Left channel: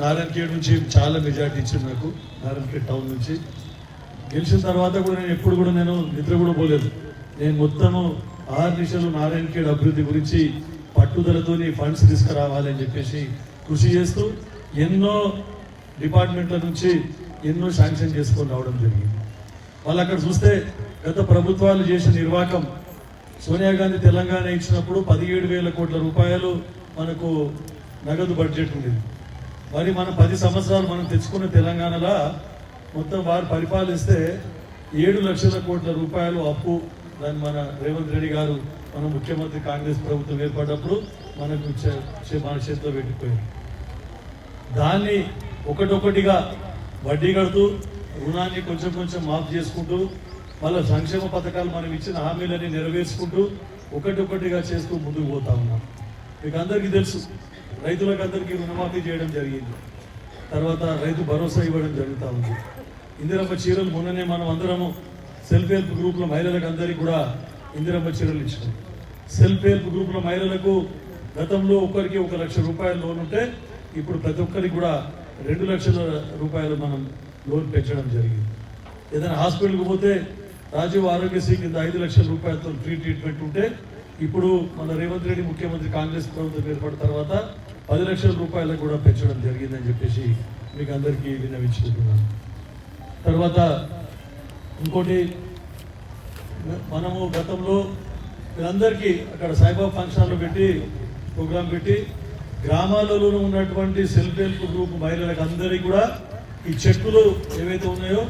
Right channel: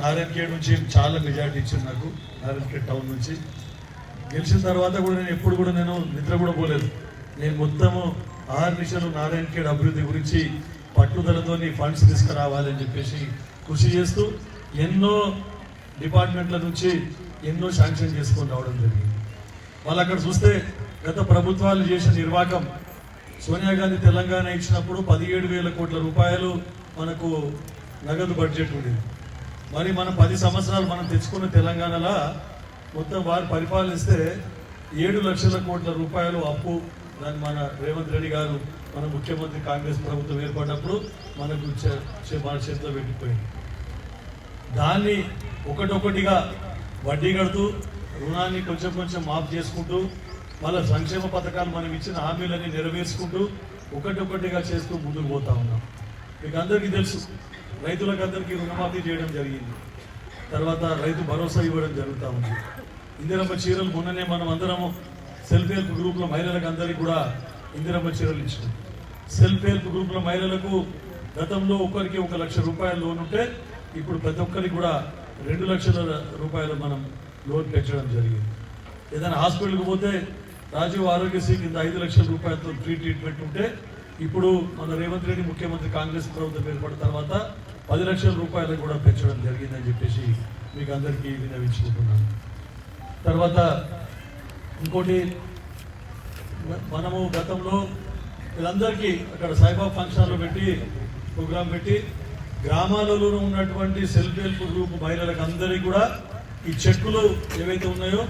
నారాయణఖేడ్ నుంచి చాలా మెజార్టీ ఇచ్చింది నాకు. నారాయణఖేడ్ టౌన్ నుంచి గెలిచిన తర్వాత కూడా నేను ఎప్పుడు కూడా నేను నిద్ర కూడా పోలేదు. నేను మొత్తము ఆర్నిషలు నారాయణఖేడ్ అభివృద్ధి గురించి పట్టుదలతో ఫండ్స్ తీసుకురావాలి అని చెప్పేసి కృషి చేస్తూ ఎన్నో డిపార్ట్మెంట్ల నుంచి ఎన్నో శాంక్షన్ చేసుకొని రావడం జరిగింది. వాళ్ళు అక్కడ చూస్తే గత ప్రభుత్వాలు చేసిన నిర్వాహకం, సోనియా గాంధీ తెలంగాణ ఇచ్చినప్పుడు 17,000 కోట్ల రూపాయలు మనకు నగదు బడ్జెట్ ఉండేది. మరి మనం 10 సంవత్సరాలు మనం తెచ్చుకున్న తెలంగాణలో మొత్తం వారు పరిపాలిస్తే 7 లక్షల కోట్ల రూపాయలు అప్పు. దాన్ని మన రేవంత్ రెడ్డి గారు మన ముఖ్యమంత్రి కాంగ్రెస్ ప్రభుత్వం ఏర్పడినప్పుడు మనకు మన చేతిలో పెట్టిపోయింది. దాన్ని ఒకటొకటిగా వడ్డీ కడుతూ రుణాన్ని కొంచెం కొంచెం మాఫ్ చేసుకుంటూ మళ్ళీ సంక్షేమ పథకాలు మనం ఇచ్చిన హామీలని నెరవేర్చుకుంటూ ఒకటొకటిగా చేస్తూ ముందుకు పోతా ఉన్నాం. మీకు అందరికీ తెలుసు, రైతులకు అందరికీ రుణమాఫీ చేయడం జరిగింది. తర్వాత రైతు భరోసా ఇవ్వడం జరుగుతూ ఉంది. ఇందిరమ్మ చీరలు మొన్ననే మనం అందరము సెల్ఫ్ హెల్ప్ గ్రూప్ల మహిళలకు అందరికీ కూడా ఇందిరమ్మ చీరలు ఇచ్చినాం. సెల్ఫ్ హెల్ప్ గ్రూప్ల మహిళలకు గతంలో ఒక్కరికి 1 లక్ష రూపాయల లోన్ ఉంటే ఇప్పుడు ప్రతి ఒక్కరికి కూడా 2 లక్షల రూపాయలు మనం లోన్ పెంచడం జరిగింది. ఏదైనా హాస్పిటల్కి పోతే రాజీవ్ ఆరోగ్యశ్రీ కింద 5 లక్షల రూపాయలతో ఫ్రీ ట్రీట్మెంట్ ఉంటే ఇప్పుడు మన రేవంత్ రెడ్డి ముఖ్యమంత్రి కాంగ్రెస్ ప్రభుత్వం ఏర్పడిన తర్వాత 10 లక్షల రూపాయలకు కూడా పెంచడం జరిగిందని చెప్పేసి మీకు అందరికీ విన్నవించుకుంటున్నాను. తర్వాత ఇంకోటి, మనము గతంలో వీళ్ళందరికీ అక్కడ సాయిబాబా ఫంక్షన్లో పెట్టి ప్రోగ్రాం పెట్టి గ్రామాలలో ఉన్నటువంటి సెల్ఫ్ హెల్ప్ గ్రూప్ మహిళలకు అందరికీ కూడా ఈ చెక్కులు ఏవైతే ఉన్నాయో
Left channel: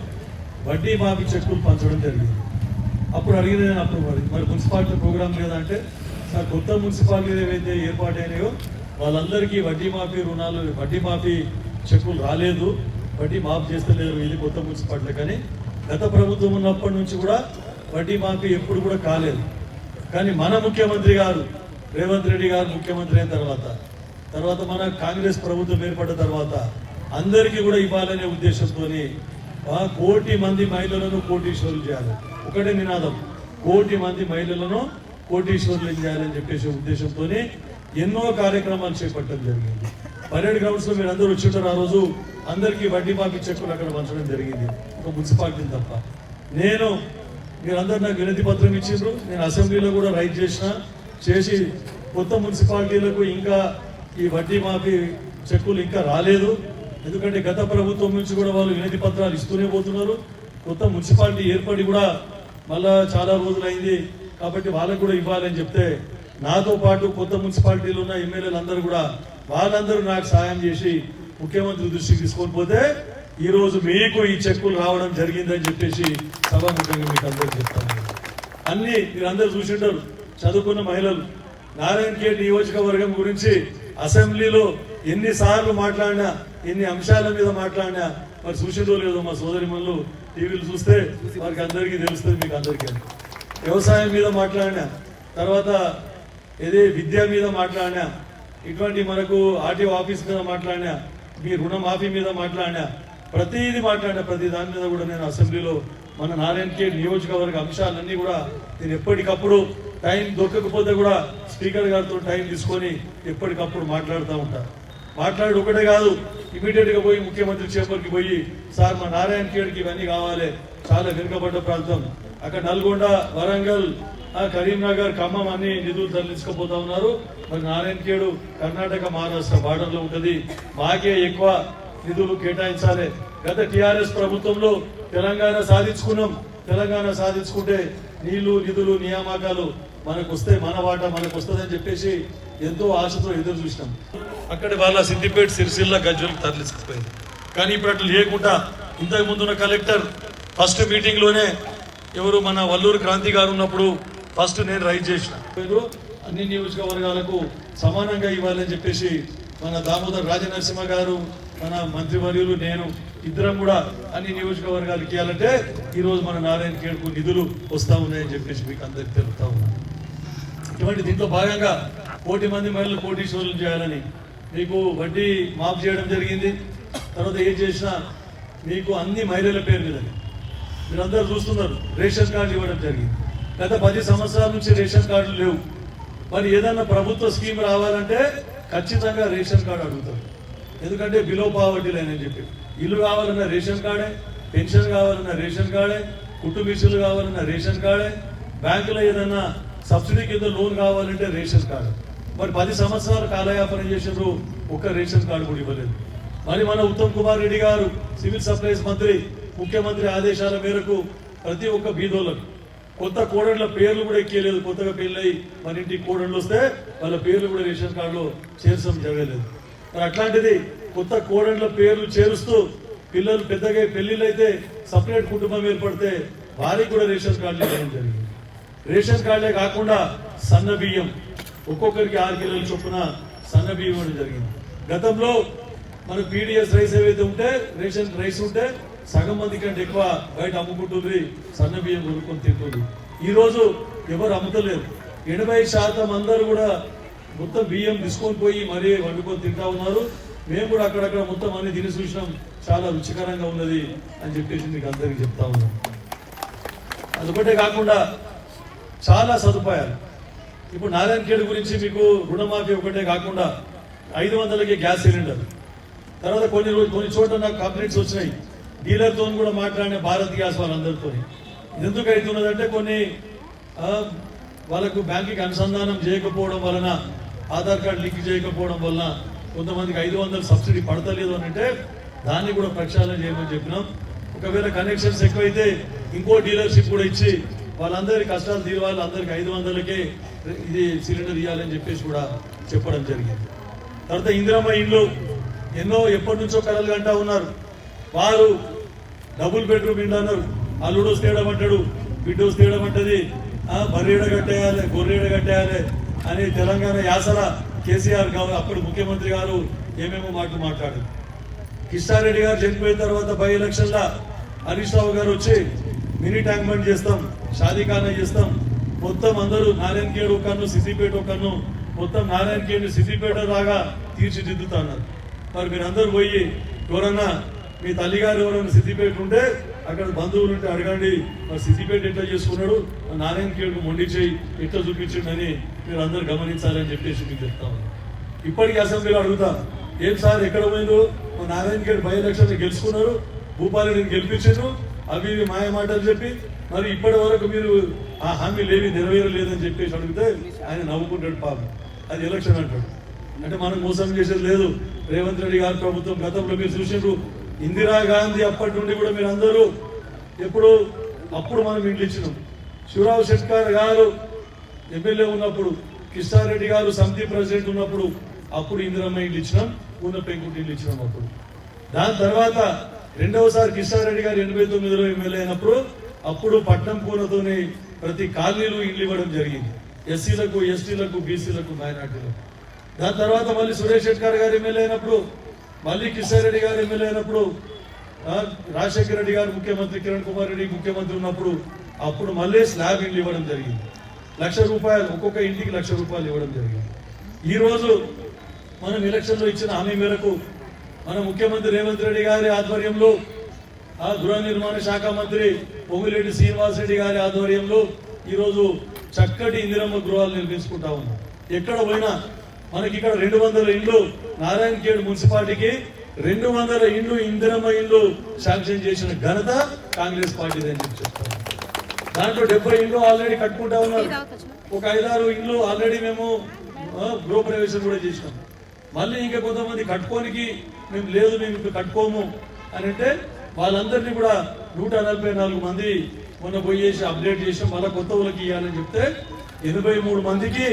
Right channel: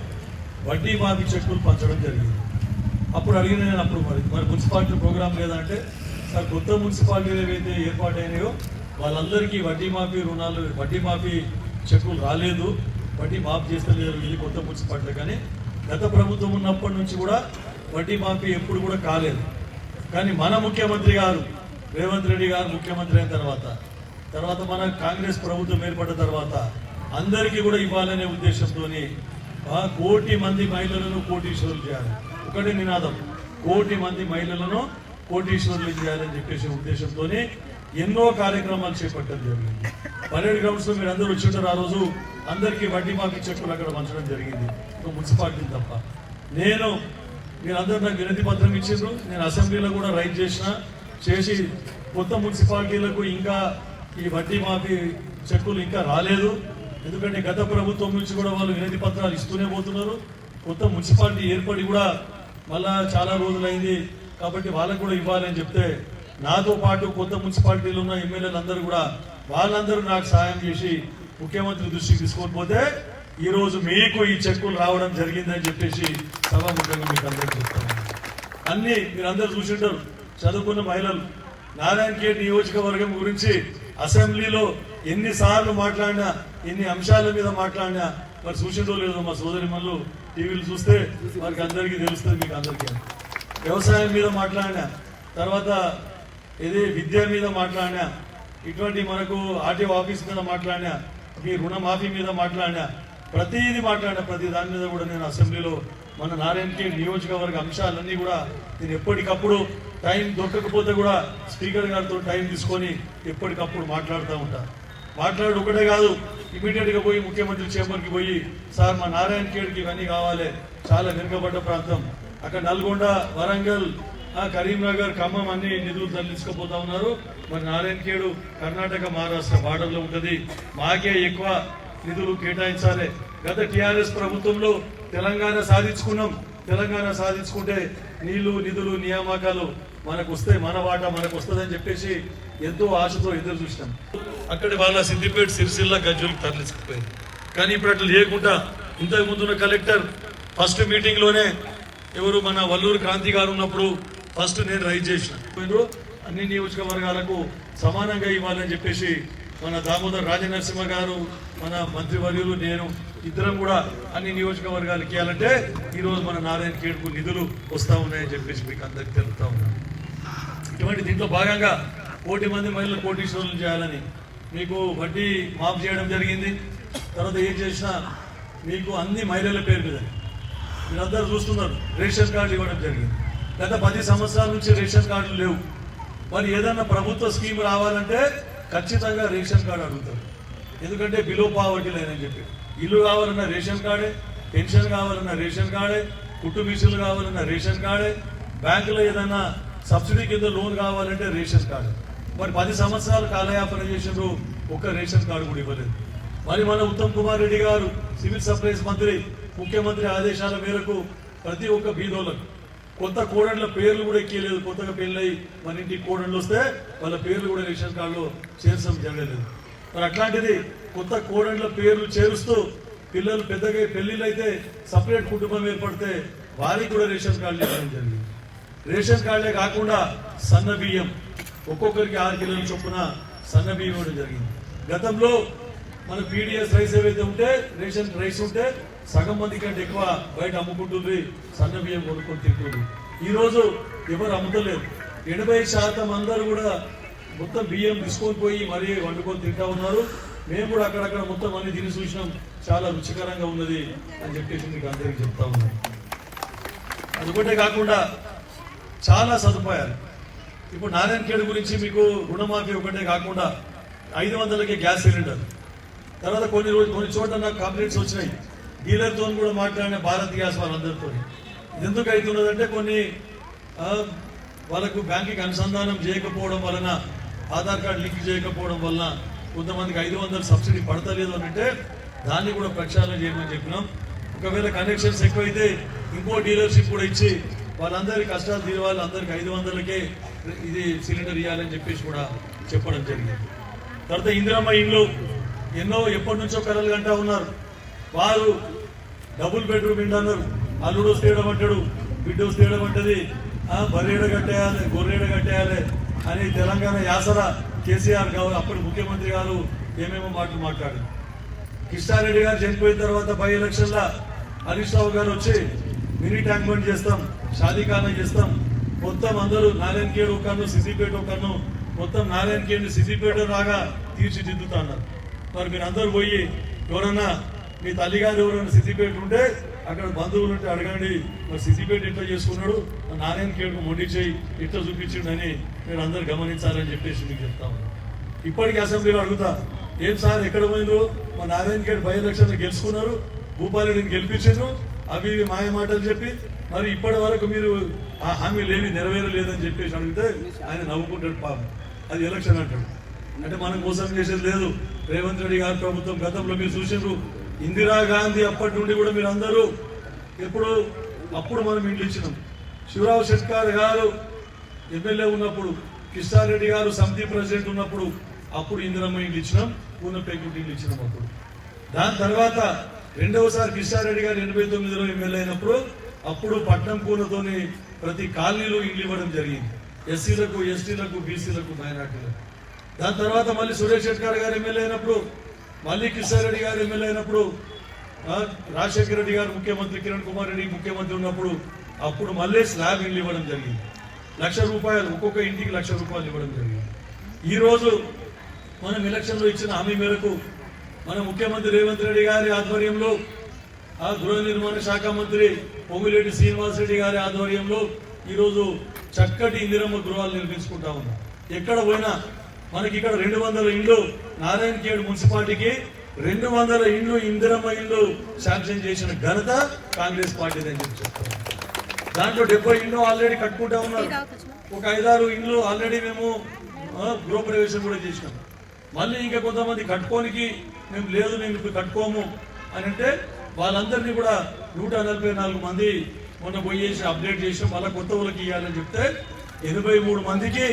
వడ్డీ మాఫీ చెక్కులు పంచడం జరిగింది. అప్పుడు అడిగిన అప్పుడు మరి మున్సిపాలిటీ ప్రోగ్రాం లేదంటే సార్ కొత్త మున్సిపాలిటీలు ఏవైతే ఏర్పాటైనాయో వాళ్ళందరికీ వడ్డీ మాఫీ రుణాలు వడ్డీ మాఫీ చెక్కులు రాలేదు, వడ్డీ మాఫీ చేస్తలేదు వెళ్ళి కొత్త మున్సిపాలిటీ. కానీ గత ప్రభుత్వం ఉన్నప్పటి నుంచి కూడా వడ్డీ మాఫీ ఎప్పుడు కూడా కాలేదు. కానీ మన ముఖ్యమంత్రి గారు రేవంత్ రెడ్డి గారు ముఖ్యమంత్రి అయిన తర్వాత మన కాంగ్రెస్ ప్రభుత్వం ఏర్పడిన తర్వాత అందరికీ కూడా ఇవ్వాలనే ఉద్దేశంతో 1 కోటి మంది మహిళలను కోటీశ్వరులు చేయాలి. ఒకటే నినాదం, 1 కోటి మంది మహిళలను కోటీశ్వరులు చేయాలని చెప్పేసి ఉద్దేశంతో ఎన్నో కార్యక్రమాలు చేపట్టడం జరిగింది. పరేడ్ గ్రౌండ్స్ లో మీరు అందరూ వచ్చింటారు. ఆ రోజు అందరికీ వడ్డీ మాఫీ చెక్కులు అక్కడ పంచడం జరిగింది, ఒక మున్సిపాలిటీ తప్ప. మీరందరూ నాకు వినతి పత్రం ఇచ్చిండ్రు, నేను అసెంబ్లీలో కూడా రైట్ చేసి కొత్త మున్సిపాలిటీలకు ఇంకా ఈ వడ్డీ మాఫీ చెక్కులు ఇంకా రాలేదు. ఎందుకంటే గత ప్రభుత్వం నుంచి కూడా వాళ్ళు వినతి పత్రాలు ఇస్తూనే పోతున్నారు. కొత్త మున్సిపాలిటీ ఏర్పడి కూడా మళ్ళా చాలా రోజులైంది కాబట్టి వాళ్ళకు కూడా ఇవ్వాలని చెప్తే నాతో పాటు కొత్త మున్సిపాలిటీలు ఉన్న ఎమ్మెల్యేలు అందరూ కూడా వాళ్ళందరూ నాకు సాయం చేసి ముఖ్యమంత్రి దృష్టికి తీసుకొని పోతే ఈ రోజు మీకు ఈ చెక్కులు రావడం జరిగిందని చెప్పేసి సభాముఖంగా మీకు అందరూ చెప్తాను. అన్ని మీరందరూ చూసింటారు, చదువుకున్న మహిళలు నారాయణఖేడ్ నియోజకవర్గం గురించి అసెంబ్లీలో ఎన్నిసార్లు మాట్లాడినా, ఎన్ని అంశాల మీద మాట్లాడినా మరి చూసిండో లేదో మా సోదరి మనులు టీవీలు చూస్తే మనకి అందరికీ తెలుస్తుంది. మీకు అందరికీ వ్యవసాయం మీద మాట్లాడినా, తర్వాత ఏదే విద్య మీద మాట్లాడినా, ఇటువంటి మనకు ఆర్టీఓ ఆఫీస్ మీద మాట్లాడినా, మీ రుణమాఫీ మీద మాట్లాడినా, ప్రతిదీ మాట్లాడినా ప్రతి దాని మీద కూడా నేను అసెంబ్లీలో మన నారాయణఖేడ్ నియోజకవర్గ అంశాలన్నీ కూడా నేను ఎప్పటికప్పుడు టైం దొరకకపోతే కూడా స్పీకర్ గారితో టైం తీసుకొని ఎప్పటికప్పుడు మాట్లాడుతూ ఉంటాను. మాట్లాడు ఒకటే కాదు, ఇమీడియట్ గా పోయి ముఖ్యమంత్రి చేపర్కి పోయి సార్ మా నారాయణఖేడ్కి ఇవన్నీ కావాలి, చాలా వెనుకబడ్డ ప్రాంతం, అక్కడ నల్గొండ, వరంగల్, కరీంనగర్, ఖమ్మం అన్ని నిధులు తరలించకపోతా ఉన్నారు. మరి నారాయణఖేడ్ కర్ణాటక మహారాష్ట్ర బార్డర్లో ఉంటుంది, మాకే ఎక్కువ నిధులు కేటాయించాలి. గత టీఆర్ఎస్ ప్రభుత్వంలో తెలంగాణ సాధించుకున్నాం. తెలంగాణ సాధించుకుంటే నీళ్లు, నిధులు, నియామకాలు మనకు వస్తే మన వాటా మనకు వస్తుందని చెప్పేసి ఎంతో ఆశతో ఎదురు చూసినాం. అక్కడ వాళ్ళ సిద్దిపేట, సిరిసిల్ల, గజ్వేల్ తరలించుకుపోయారు. కానీ ఇప్పుడు అట్లా లేకుండా ఇంతకు ముందున్న కలెక్టర్ ఫస్ట్ మీటింగ్ లోనే ఎవరు మన వల్లూరు క్రాంతి గారు ఉన్నప్పుడు ఫస్ట్ నేను రైజ్ చేసిన అన్ని నియోజకవర్గాలకు సమానంగా ఇవ్వాలని చెప్పేసి మన దామోదర్ రాజనరసింహ గారు, మన మంత్రివర్యులు, నేను ఇద్దరం కూడా అన్ని నియోజకవర్గాలకు ఇవ్వాలంటే ఈరోజు మన నారాయణఖేడ్కు నిధులు వస్తా ఉన్నాయని చెప్పేసి మీకు అందరికి తెలుపుతా ఉన్నాను. ఇటువంటి దీంట్లో భాగంగా 1 కోటి మంది మహిళలు కోటీశ్వరులు చేయాలని మీకు వడ్డీ మాఫ్ చేయడం జరిగింది. తర్వాత ఏం చేసినా మీకు అన్ని మహిళల పేరు మీద మీరందరూ చూస్తున్నారు, రేషన్ కార్డు ఇవ్వడం జరిగింది. గత 10 సంవత్సరాల నుంచి రేషన్ కార్డులు లేవు. మరి ఏదన్నా ప్రభుత్వ స్కీమ్ రావాలంటే ఖచ్చితంగా రేషన్ కార్డు అడుగుతాం. ఎందుకంటే బిలో పావర్టీ లైన్ అని చెప్పి ఇల్లు కావాలన్న రేషన్ కార్డే, పెన్షన్ కావాలన్న రేషన్ కార్డే, కుటుంబ మిషన్లు కావాలన్న రేషన్ కార్డే, బ్యాంకులో ఏదైనా సబ్సిడీ కింద లోన్ కావాలంటే రేషన్ కార్డు. మరి 10 సంవత్సరాలు కాలయాపన చేసినప్పుడు ఒక్క రేషన్ కార్డు కూడా ఇవ్వలేదు. మరి మన ఉత్తమ్ కుమార్ రెడ్డి గారు సివిల్ సప్లైస్ మంత్రి, ముఖ్యమంత్రి ఆదేశాల మేరకు ప్రతి ఒక్క బీదోళ్ళకు కొత్త కోడళ్ళ పేర్లు కూడా ఎక్కియలేదు. కొత్తగా పెళ్ళై మన ఇంటికి కోడళ్ళు వస్తే వాళ్ళ పేర్లు కూడా రేషన్ కార్డులో చేర్చడం జరగలేదు. మరి అట్లాంటిది కొత్త కోడళ్ళ పేర్లు చేరుస్తూ పిల్లలు పెద్దగా పెళ్లిళ్ళు అయితే సపరేట్ కుటుంబం ఏర్పడితే వారికి కూడా రేషన్ కార్డులు ఇవ్వడం జరిగింది. రేషన్ కార్డులే కాకుండా సన్న బియ్యం ఒక్కొక్కరికి 6 కిలోల చొప్పున సన్న బియ్యం కూడా జరిగింది. గతంలో మన పీడిఎస్ రైస్ ఏవైతే ఉంటే రేషన్ రైస్ ఉంటే సగం మంది కంటే ఎక్కువ బయట అమ్ముకుంటుంది, సన్న బియ్యం కొనుక్కొని తింటుంది. ఈరోజు ఎవరు అమ్ముతలేరు. 80% అందరూ కూడా మొత్తం బియ్యం తీసుకొని పోయి మరీ వండుకొని తింటా ఉన్నారు. మేము కూడా అక్కడక్కడ మొత్తం అన్ని తిని చూసినాం, చాలా రుచికరంగా ఉన్నది అని చెప్పేసి మీకు అందరికీ చెప్తా ఉన్నాం. అదొకటే కాకుండా చాలా సదుపాయాలు. ఇప్పుడు నారాయణఖేడ్ గురించి మీకు రుణమాఫీ ఒకటే కాకుండా 500కి గ్యాస్ సిలిండర్, తర్వాత కొన్ని చోట్ల నాకు కంప్లైంట్స్ వచ్చినాయి. డీలర్తో కూడా మాట్లాడిన భారత్ గ్యాస్ వాళ్ళందరితో. ఇది ఎందుకు అవుతున్నదంటే కొన్ని వాళ్ళకు బ్యాంకుకి అనుసంధానం చేయకపోవడం వలన, ఆధార్ కార్డు లింక్ చేయకపోవడం వలన కొంతమందికి 500 సబ్సిడీ పడతలేదు అని అంటే దాన్ని కూడా ప్రక్షాళన చేయమని చెప్పినాం. ఒకవేళ కనెక్షన్స్ ఎక్కువైతే ఇంకో డీలర్షిప్ కూడా ఇచ్చి వాళ్ళందరి కష్టాలు తీరవాలి, అందరికి 500కే ఇది సిలిండర్ ఇవ్వాలని చెప్పేసి కూడా చెప్పడం జరిగింది. తర్వాత ఇందిరమ్మ ఇండ్లు ఎన్నో ఎప్పటి నుంచో కలలు కంటా ఉన్నారు. వారు డబుల్ బెడ్రూమ్ ఇండ్లు అన్నారు. అల్లుడు వస్తేయడం అంటాడు, బిడ్డ వస్తేయడం అంటది, బర్రేడ కట్టేయాలి, గొర్రెడ కట్టేయాలి అని తెలంగాణ యాసల కేసీఆర్ గారు అప్పటి ముఖ్యమంత్రి గారు ఏమేమో మాటలు మాట్లాడారు. కిష్టారెడ్డి గారు చనిపోయిన తర్వాత బై ఎలక్షన్ల హరీష్ రావు గారు వచ్చి మినీ ట్యాంక్ బండ్ చేస్తాం, షాదీఖానా చేస్తాం, మొత్తం అందరూ నారాయణఖేడ్ ఒక్కను, సిద్దిపేట ఒక్కను, మొత్తం నారాయణఖేడ్ సిద్దిపేట రాగా తీర్చిదిద్దుతున్నారు. మరి మీరు అందరూ పోయి ఎవరన్నా మీ తల్లిగారు ఎవరైనా సిద్దిపేట ఉంటే అక్కడ బంధువులు ఉంటే అడగండి, మరి సిద్దిపేట ఎట్లా చేసుకున్నాడు, మరి నారాయణఖేడ్కు మొండి చేయి ఎట్లా చూపించిండని మీరు అందరు గమనించాలని చెప్పేసి మీకు చెప్తాము. ఇప్పటికీ అసెంబ్లీలో అడుగుతా, ఏం సార్ ఎక్కడ పోయిందో, మా నారాయణఖేడ్ బై ఎలక్షన్లు గెలుచుకున్నారు, భూపాలరెడ్డిని గెలిపించారు, అవి మాయ మాటలు చెప్పి మరి ఇప్పటి వరకు మీరు ఆ హామీలు ఏవి నెరవేరలేదని చెప్పేసి అడిగితే ఆయన నవ్వుకుంటాడు. పాపం అది ఎలక్షన్ అంటాడు. అంటే మనం మోసం చేసేది లేదు. రేవంత్ రెడ్డి గారి ప్రభుత్వం గతంలో మీరు చూసినారు, ఇందిరాగాంధీ అప్పటి నుండి కూడా మీరు అందరూ అప్పుడు మనం ఇండ్లు ఇచ్చినాం. శివరావు శెట్కర్ గారు ఎమ్మెల్యే ఉన్నప్పుడు, కిష్టారెడ్డి గారు సమితి ప్రెసిడెంట్ ఉన్నప్పుడు అప్పుడు ఇందిరమ్మ ఇండ్లు ఇచ్చినాం, ఉన్న పెంకుటి ఇండ్లు ఇచ్చినాం. దాని తర్వాత రెండవసారి కిష్టారెడ్డి గారు 89లో ఎమ్మెల్యే అయినప్పుడు అప్పుడు పట్నం కూనతోని ప్రతి కాలనీలు ఇండ్లు ఇవ్వడం జరిగింది, ఎస్సీలకు, ఎస్టీలకు, బీసీలకు, మైనార్టీలకు. దాని తర్వాత మళ్ళీ సురేష్ శెట్కర్ గారు ఎమ్మెల్యే అయినప్పుడు, మళ్ళీ కిషారెడ్డి గారు ఎమ్మెల్యే అయినప్పుడు, రాజశేఖర రెడ్డి గారు ముఖ్యమంత్రి, కిరణ్ కుమార్ రెడ్డి ముఖ్యమంత్రి ఉన్నప్పుడు అప్పుడు మళ్ళీ స్లాబ్ ఇండ్లు ఇవ్వడం జరిగింది. ₹1,00,000 ఒక్కొక్క ఇంటికి ₹1,00,000 ఇవ్వడం జరిగింది. ఈ రోజు మనం ఎలక్షన్లో ఇచ్చిన హామీ మేరకు మన ముఖ్యమంత్రి రేవంత్ రెడ్డి గారి ఆధ్వర్యంలో, గృహ నిర్మాణ శాఖ మంత్రి పొంగులేటి శ్రీనివాసరెడ్డి గారి ఆధ్వర్యంలో ఈరోజు చక్కటి ఇందిరమ్మ గృహాలు నిర్మించుకుంటా ఉన్నాం. ఎక్కడ పోయినా మనకి ఇక్కడ 200 ఇండ్లు, నారాయణఖేడ్ మున్సిపాలిటీకి 200 ఇండ్లు ఇందిరమ్మ ఇండ్లు శాంక్షన్ చేసిన ఘనత కాంగ్రెస్ పార్టీ అని చెప్తారు. దాంట్లో 70 ఇండ్లు ఆల్రెడీ కట్టుకుంటా ఉన్నారు. ఒక 5-6 ఇండ్లు ఆల్రెడీ మేము గృహప్రవేశం కూడా చేసినాం. మళ్ళీ ఇంకా కొంతమంది కట్టుకోనికి మేము లేదు, మేము ఇప్పుడు కట్టుకోము అని అంటే వాళ్ళందరినీ కూడా 144 మంది మొన్న పోయేసి అప్డేట్ చేసి మళ్ళీ కొత్త ఊళ్ళకి ఇవ్వాలని చెప్తే 83 మందికి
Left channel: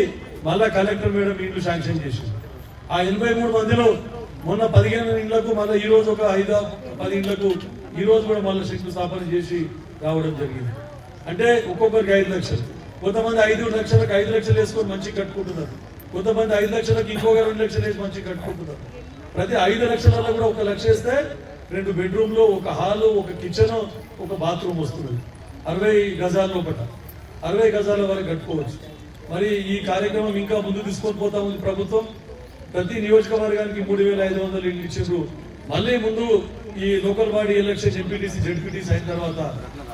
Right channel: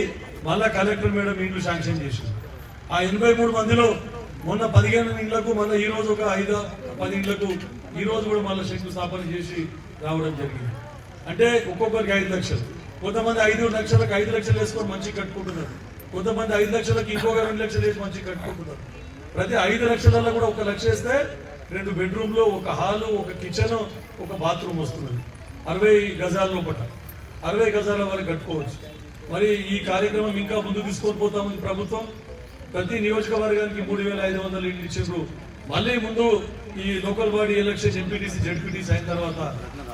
మళ్ళా కలెక్టర్ మేడం ఇండ్లు శాంక్షన్ చేసింది. ఆ 83 మందిలో మొన్న 15 ఇండ్లకు, మళ్ళీ ఈ రోజు ఒక 5-10 ఇండ్లకు ఈ రోజు కూడా మళ్ళీ శంకుస్థాపన చేసి రావడం జరిగింది. అంటే ఒక్కొక్కరికి 5 లక్షలు, కొంతమంది 5 లక్షలకు 5 లక్షలు వేసుకొని మంచి కట్టుకుంటున్నారు, కొంతమంది 5 లక్షలకు ఇంకొక 2 లక్షలు వేసి మంచి కట్టుకుంటున్నారు. ప్రతి 5 లక్షలలో కూడా 1 లక్ష వేస్తే 2 బెడ్రూమ్లు, ఒక హాలు, ఒక కిచెన్, ఒక బాత్రూమ్ వస్తుంది. 60 గజాల లోపల 60 గజాల వరకు కట్టుకోవచ్చు. మరి ఈ కార్యక్రమం ఇంకా ముందుకు తీసుకొని పోతా ఉంది ప్రభుత్వం. ప్రతి నియోజకవర్గానికి 3,500 ఇండ్లు ఇచ్చారు. మళ్ళీ ముందు ఈ local body election MPTC, ZPTC అయిన తర్వాత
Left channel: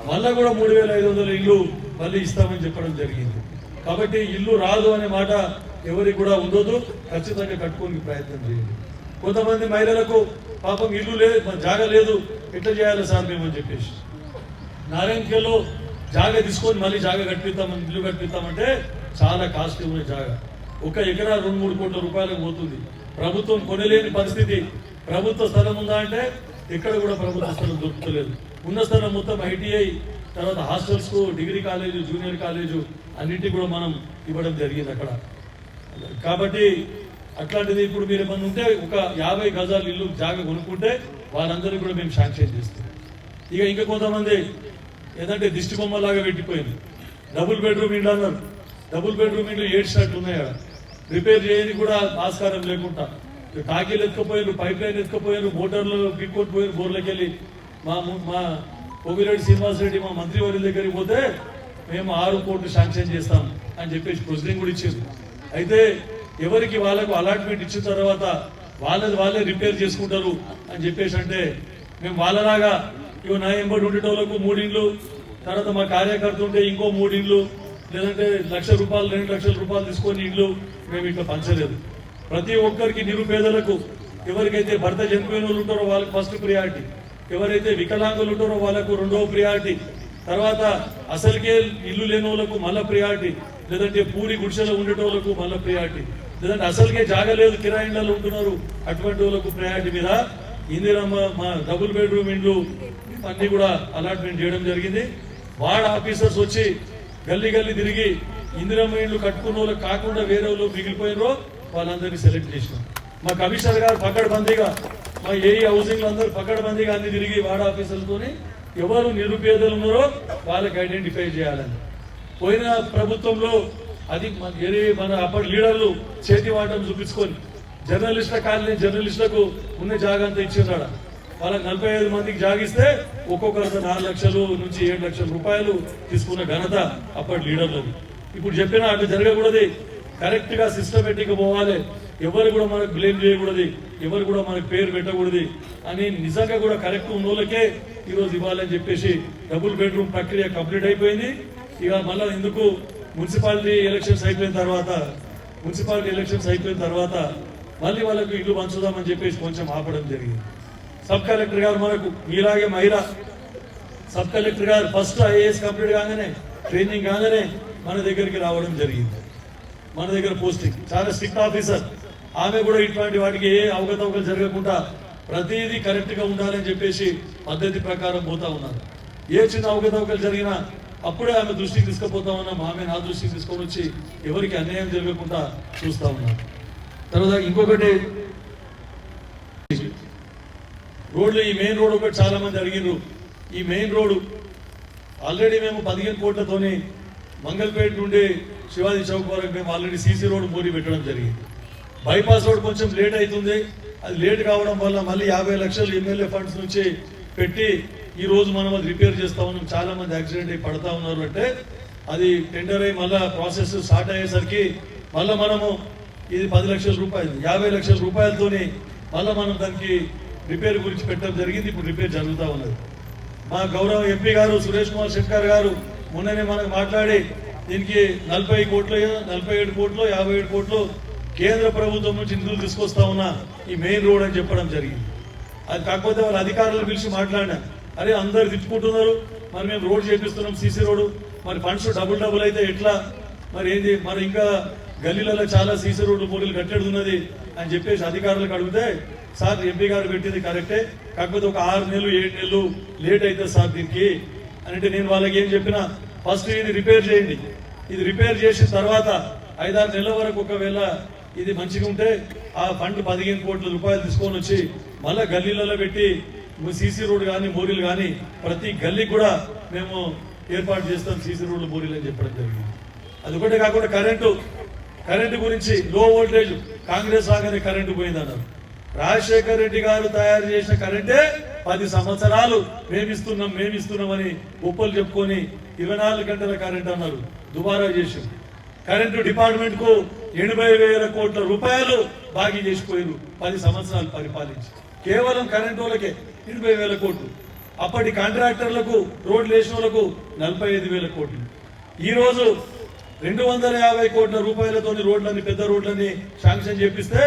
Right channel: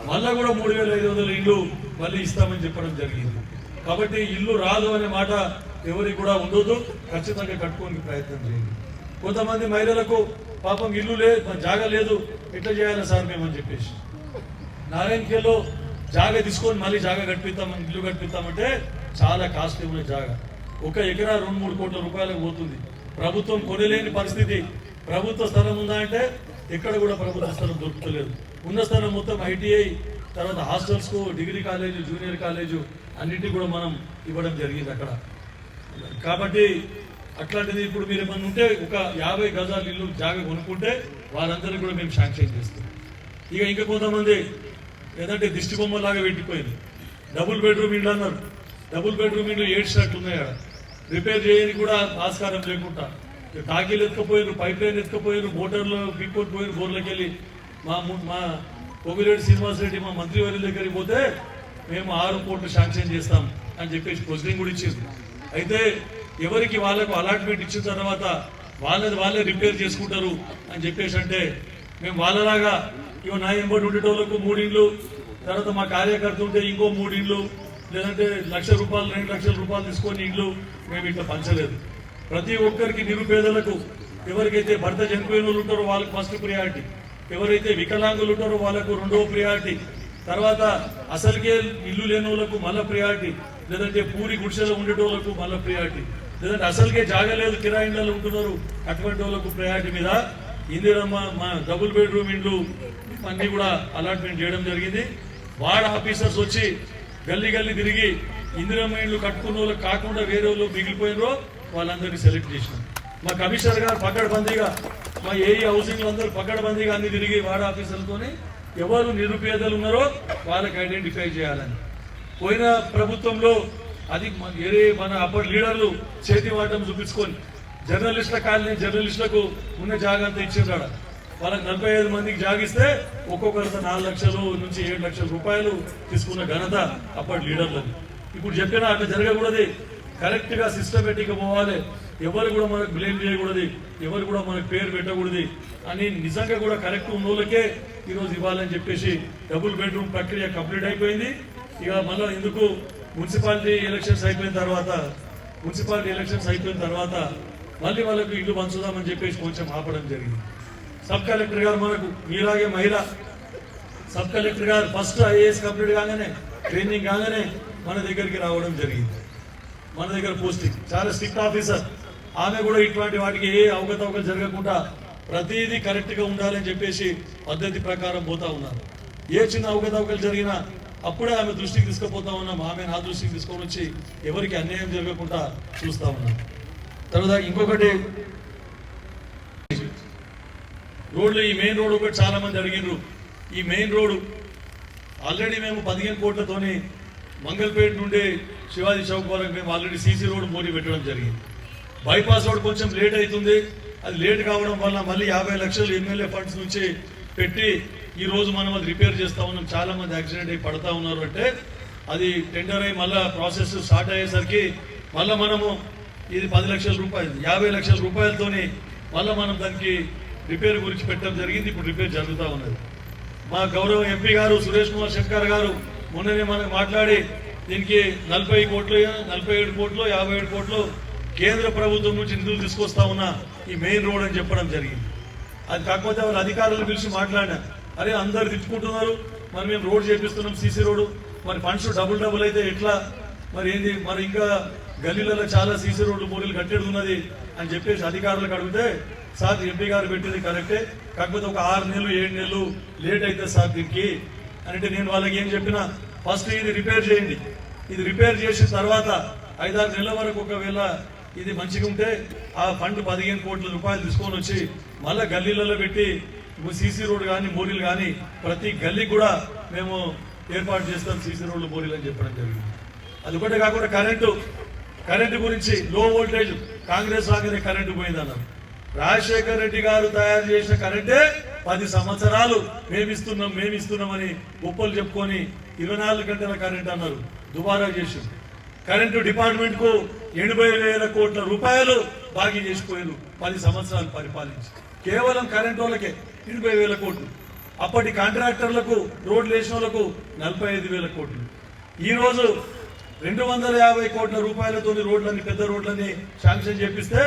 మళ్ళీ కూడా 3,500 ఇండ్లు మళ్ళీ ఇస్తామని చెప్పడం జరిగింది. కాబట్టి ఇల్లు రాదు అనే మాట ఎవరికి కూడా ఉండదు, ఖచ్చితంగా కట్టుకోని ప్రయత్నం చేయండి. కొంతమంది మహిళలకు పాపం ఇల్లు లేదు, జాగా లేదు, ఎట్లా చేయాలి సార్ మేమని చెప్పేసి నారాయణఖేడ్లో జాగా తీసుకొని మళ్ళీ జాగా కట్టిస్తామని, ఇల్లు కట్టిస్తామంటే చాలా కాస్ట్ ఉన్న జాగా 1 ఎకరా 2-3 కోట్ల రూపాయలకు పోతుంది. ప్రభుత్వం కొనలేని పరిస్థితి. ప్రభుత్వ స్థలం ఉందా అంటే ఎక్కడ కూడా ప్రభుత్వ స్థలం దొరుకుతలేదు. ఉన్న స్థలం మొత్తం ఐటీఐ, తర్వాత హాస్టల్స్కు, డిగ్రీ కాలేజు, జూనియర్ కాలేజు అన్నింటినీ కూడా మనం ఇవ్వడం జరిగింది అక్కడ. కాబట్టి అట్లాంటిది ఇప్పుడు మీరు ఏమన్నా ఉంటే ఒక 50 గజాలు ఇల్లు జాగా కొనుక్కుంటే వాళ్ళందరినీ కూడా మేము శాంక్షన్ చేస్తాం. ఇంకా కొంతమంది ఏదంటే దిష్టి బొమ్మలాగా పెట్టిపోయింది. డబుల్ బెడ్రూమ్ ఇండ్లు అన్నారు. డబుల్ బెడ్రూమ్ ఇండ్లు 7 స్టార్ట్లు ఉన్నాయి. ఆడ రిపేర్ చేయని కూడా ఆస్కారం లేకుండా టాకీలు ఎత్తుకపోయారు, పైప్ లైన్ ఎత్తుకపోయారు, మోటార్లు పీక్కొని పోయారు బోర్లకి వెళ్ళి. మా కోవిరెడ్డి శ్రీనివాస్ రెడ్డి మా మంత్రి వారి దగ్గరికి పోతే మేము 6 కోట్లు శాంక్షన్ చేస్తాం అని చెప్పేసి ప్రొసీడింగ్ కూడా ఇచ్చింది. అయితే ఎవరికి వాళ్ళకు అలాట్మెంట్ ఇచ్చిన తర్వాత వాళ్ళే రిపేర్ చేసుకుంటారు అని చెప్పేసి అంటే మేము వాళ్ళలాగా ఇవి నా ఎంబడి ఉండేటోళ్ళకు 3 ఇండ్లు, తర్వాత మా కార్యకర్త ఉంటే ఇంకో 3 ఇండ్లు, లేదంటే ₹1,00,000 2,00,000 తీసుకొని ఇండ్లు మేము ఇట్లా పంచలేదు. ప్రతి ఒక్కరికి నిరుపేదలకు, ఎవరికైతే భర్త చనిపోయిన వాళ్ళు ఉంటారో వాళ్ళకి ఫస్ట్ ప్రియారిటీ, ఎవరైతే వికలాంగులు ఉంటారో వాళ్ళకు 2వ ప్రియారిటీ, తర్వాత అసలుకే ఇల్లు లేని వాళ్ళకు మళ్ళీ ప్రియారిటీ, లేదంటే పూరి గుడిసెలో ఉండేటోళ్ళకు మళ్ళీ ప్రియారిటీ, లేదంటే అసలుకే జాగలేదు కిరాయిలలో ఉంటున్నారు అటువంటి వాళ్ళకు ప్రయారిటీ మీద ఇందిరమ్మ మా డబుల్ బెడ్రూమ్ ఇండ్లు అన్ని కూడా అలాట్మెంట్ చేయడం జరిగింది. వార్డ్ ఆఫీసర్స్ వచ్చి గల్లీ తిరిగి ఇందిరమ్మ ఇండ్లు కట్టుకున్న వాళ్ళకి కాకుండా వేరే వాళ్ళు మిగిలిపోయినరో వాళ్ళందరినీ సెలెక్ట్ చేసినాం. మా కమిషనర్ గారు పకడ్బందీగా, మా ఏఈ హౌసింగ్ అందరూ పకడ్బందీగా అన్ని తిరిగి వార్డ్ ఆఫీసర్లతోని ఎవరు నిరుపేదలు ఉన్నారో వాళ్ళకి ఐడెంటిఫై చేయాలని. పోయిన ప్రభుత్వంలో అది మన అప్పటి లీడర్లు చేతి వాటం చూపించుకొని జర్నలిస్టుల కాలనీ జర్నలిస్టులకు ఉన్న జాగా అంతా ఇచ్చిందాడ. వాళ్ళకి 45 మందికి జాగిస్తే ఒక్కొక్కరితో 4 లక్షలు నుంచి 7 లక్షల రూపాయలు తీసుకున్న ఘనత అప్పటి లీడర్లది. ఇప్పుడు చెప్పినా అట్లా జరగకూడదు, కరెక్ట్ గా సిస్టమేటిక్ గా పోవాలి, ఎవరు కూడా మనకు బ్లేమ్ చేయకూడదు, ఎవరు కూడా మనకు పేరు పెట్టకూడదు అని నిజంగా కూడా కరెక్ట్ ఉన్న వాళ్ళకే ఈరోజు ఇవ్వాలని చెప్పేసి డబుల్ బెడ్రూమ్ ప్రక్రియ కంప్లీట్ అయిపోయింది. ఇక మళ్ళీ ఎందుకు మున్సిపాలిటీ ఎలక్షన్స్ అయిపోయిన తర్వాత మళ్ళీ వాళ్ళకు ఇల్లు పంచుదామని చెప్పేసి కొంచెం ఆపడం జరిగింది. సబ్ కలెక్టర్ గారు మనకు మీలాగే మహిళ సబ్ కలెక్టర్ గారు ఫస్ట్ ఐఏఎస్ కంప్లీట్ కాగానే, ట్రైనింగ్ కాగానే మన దగ్గరికి రావడం జరిగింది. మన దగ్గర పోస్టింగ్ చాలా స్ట్రిక్ట్ ఆఫీసర్. ఆమె కూడా ఇటువంటి వాటికి ఏ అవకతవకలు జరగకుండా ప్రతిదీ కరెక్ట్ గా ఉండాలని చెప్పేసి పద్ధతి ప్రకారం పోతా ఉన్నారు. ఏ చిన్న అవకతవకలు జరిగినా అప్పుడే ఆమె దృష్టికి తీసుకుపోతా ఉన్నాం. ఆమె నా దృష్టికి తీసుకొని వచ్చి ఎవరికి అన్యాయం జరగకుండా చూస్తా ఉన్నాం. తర్వాత ఇంకొకటి రోడ్లు, ఈ మెయిన్ రోడ్ ఒకటి చాలా మంది అడిగినారు. ఈ మెయిన్ రోడ్డు ఆల్రెడీ మేము 15 కోట్లతోని మంగళపేట నుండి శివాజీ చౌక్ వరకు మేము ఆల్రెడీ సీసీ రోడ్డు మోడీ పెట్టడం జరిగింది. బైపాస్ రోడ్ కొంచెం లేట్ అవుతుంది. అది లేట్ కావడం వల్ల మళ్ళీ 50 లక్షలు ఎమ్మెల్యే ఫండ్స్ నుంచి పెట్టి ఈ రోజు మనం అది రిపేర్ చేస్తా ఉన్నాం. చాలా మంది యాక్సిడెంట్ అయి పడతా ఉన్నారు. అంటే అది టెండర్ అయ్యి మళ్ళీ ప్రాసెస్ స్టార్ట్ అయ్యేసరికి మళ్ళీ మనము ఇది 10 లక్షల రూపాయలు 50 లక్షల రూపాయలతోని మళ్ళీ మనం దానికి రిపేర్ గురించి పెట్టడం జరిగింది. ఇప్పుడు రిపేర్ జరుగుతూ ఉన్నది. మా గౌరవ ఎంపీ గారు సురేష్ కుమార్ శెట్కర్ గారు మొన్ననే మనకు మాట్లాడి దీనికి 40 కోట్లు 47 కోట్లు 57 కోట్లు కేంద్ర ప్రభుత్వం నుంచి నిధులు తీసుకొస్తా ఉన్నా ఈ మెయిన్ రోడ్ అని చెప్పడం జరిగింది. అది కాకపోతే వాళ్ళ అధికారులను పిలిచి మాట్లాడినా, అరే అందరు తిట్టుకుంటున్నారు, మరి మేము రోడ్ చేపిస్తున్నాం సీసీ రోడ్డు, మరి ఫండ్స్ డబుల్ అయితే ఎట్లా, మరి ఏంది, మరి ఇంకా గల్లీలలో చాలా సీసీ రోడ్డు పూరీలు కట్టేది ఉన్నది అని చెప్పేసి అధికారులకు అడిగితే, సార్ ఎంపీ గారు పెట్టింది కరెక్టే, కాకపోతే ఒక 6 నెలలు 7 నెలలు లేట్ అవుతుంది సార్ దీనికి అంటే నేను వాళ్ళకి ఏం చెప్పినా, ఫస్ట్ ఇది రిపేర్ చేయండి, ఇది రిపేర్ చేసిన తర్వాత 5-6 నెలల వరకు ఒకవేళ ఇది మంచిగా ఉంటే ఆ ఫండ్ 15 కోట్ల రూపాయలు తీసుకొని వచ్చి మళ్ళీ గల్లీలలో పెట్టి సీసీ రోడ్డు కానీ మోరీలు కానీ ప్రతి గల్లీకి కూడా మేము ఏర్పాటు చేస్తాం సీసీ రోడ్లు మోరీలు అని చెప్పడం జరిగింది. అదొకటి కాకుండా కరెంటు గురించి లో వోల్టేజ్ కాంగ్రెస్ రాగానే కరెంటు పోయిందన్నారు. రాజశేఖర్ రెడ్డి గారు తయారు చేసిన కరెంటే 10 సంవత్సరాలు మేమిస్తున్నామని గొప్పలు చెప్పుకొని 24 గంటల కరెంట్ అన్నారు. దుబారా చేసింది. కరెంటు డిపార్ట్మెంట్ కు 80,000 కోట్ల రూపాయలు బాకీ చేసిపోయారు 10 సంవత్సరాలు పరిపాలించి. కేవలం కరెంట్ వాళ్ళకే 80,000 కోట్లు. అప్పటి కాంట్రాక్టర్లకు రోడ్లు వేసిన వాళ్ళకు 45,000 కోట్లు. ఈ రోజు 250 కోట్ల రూపాయలతోని రోడ్లన్నీ పెద్ద రోడ్లన్నీ శాంక్షన్ చేపిస్తే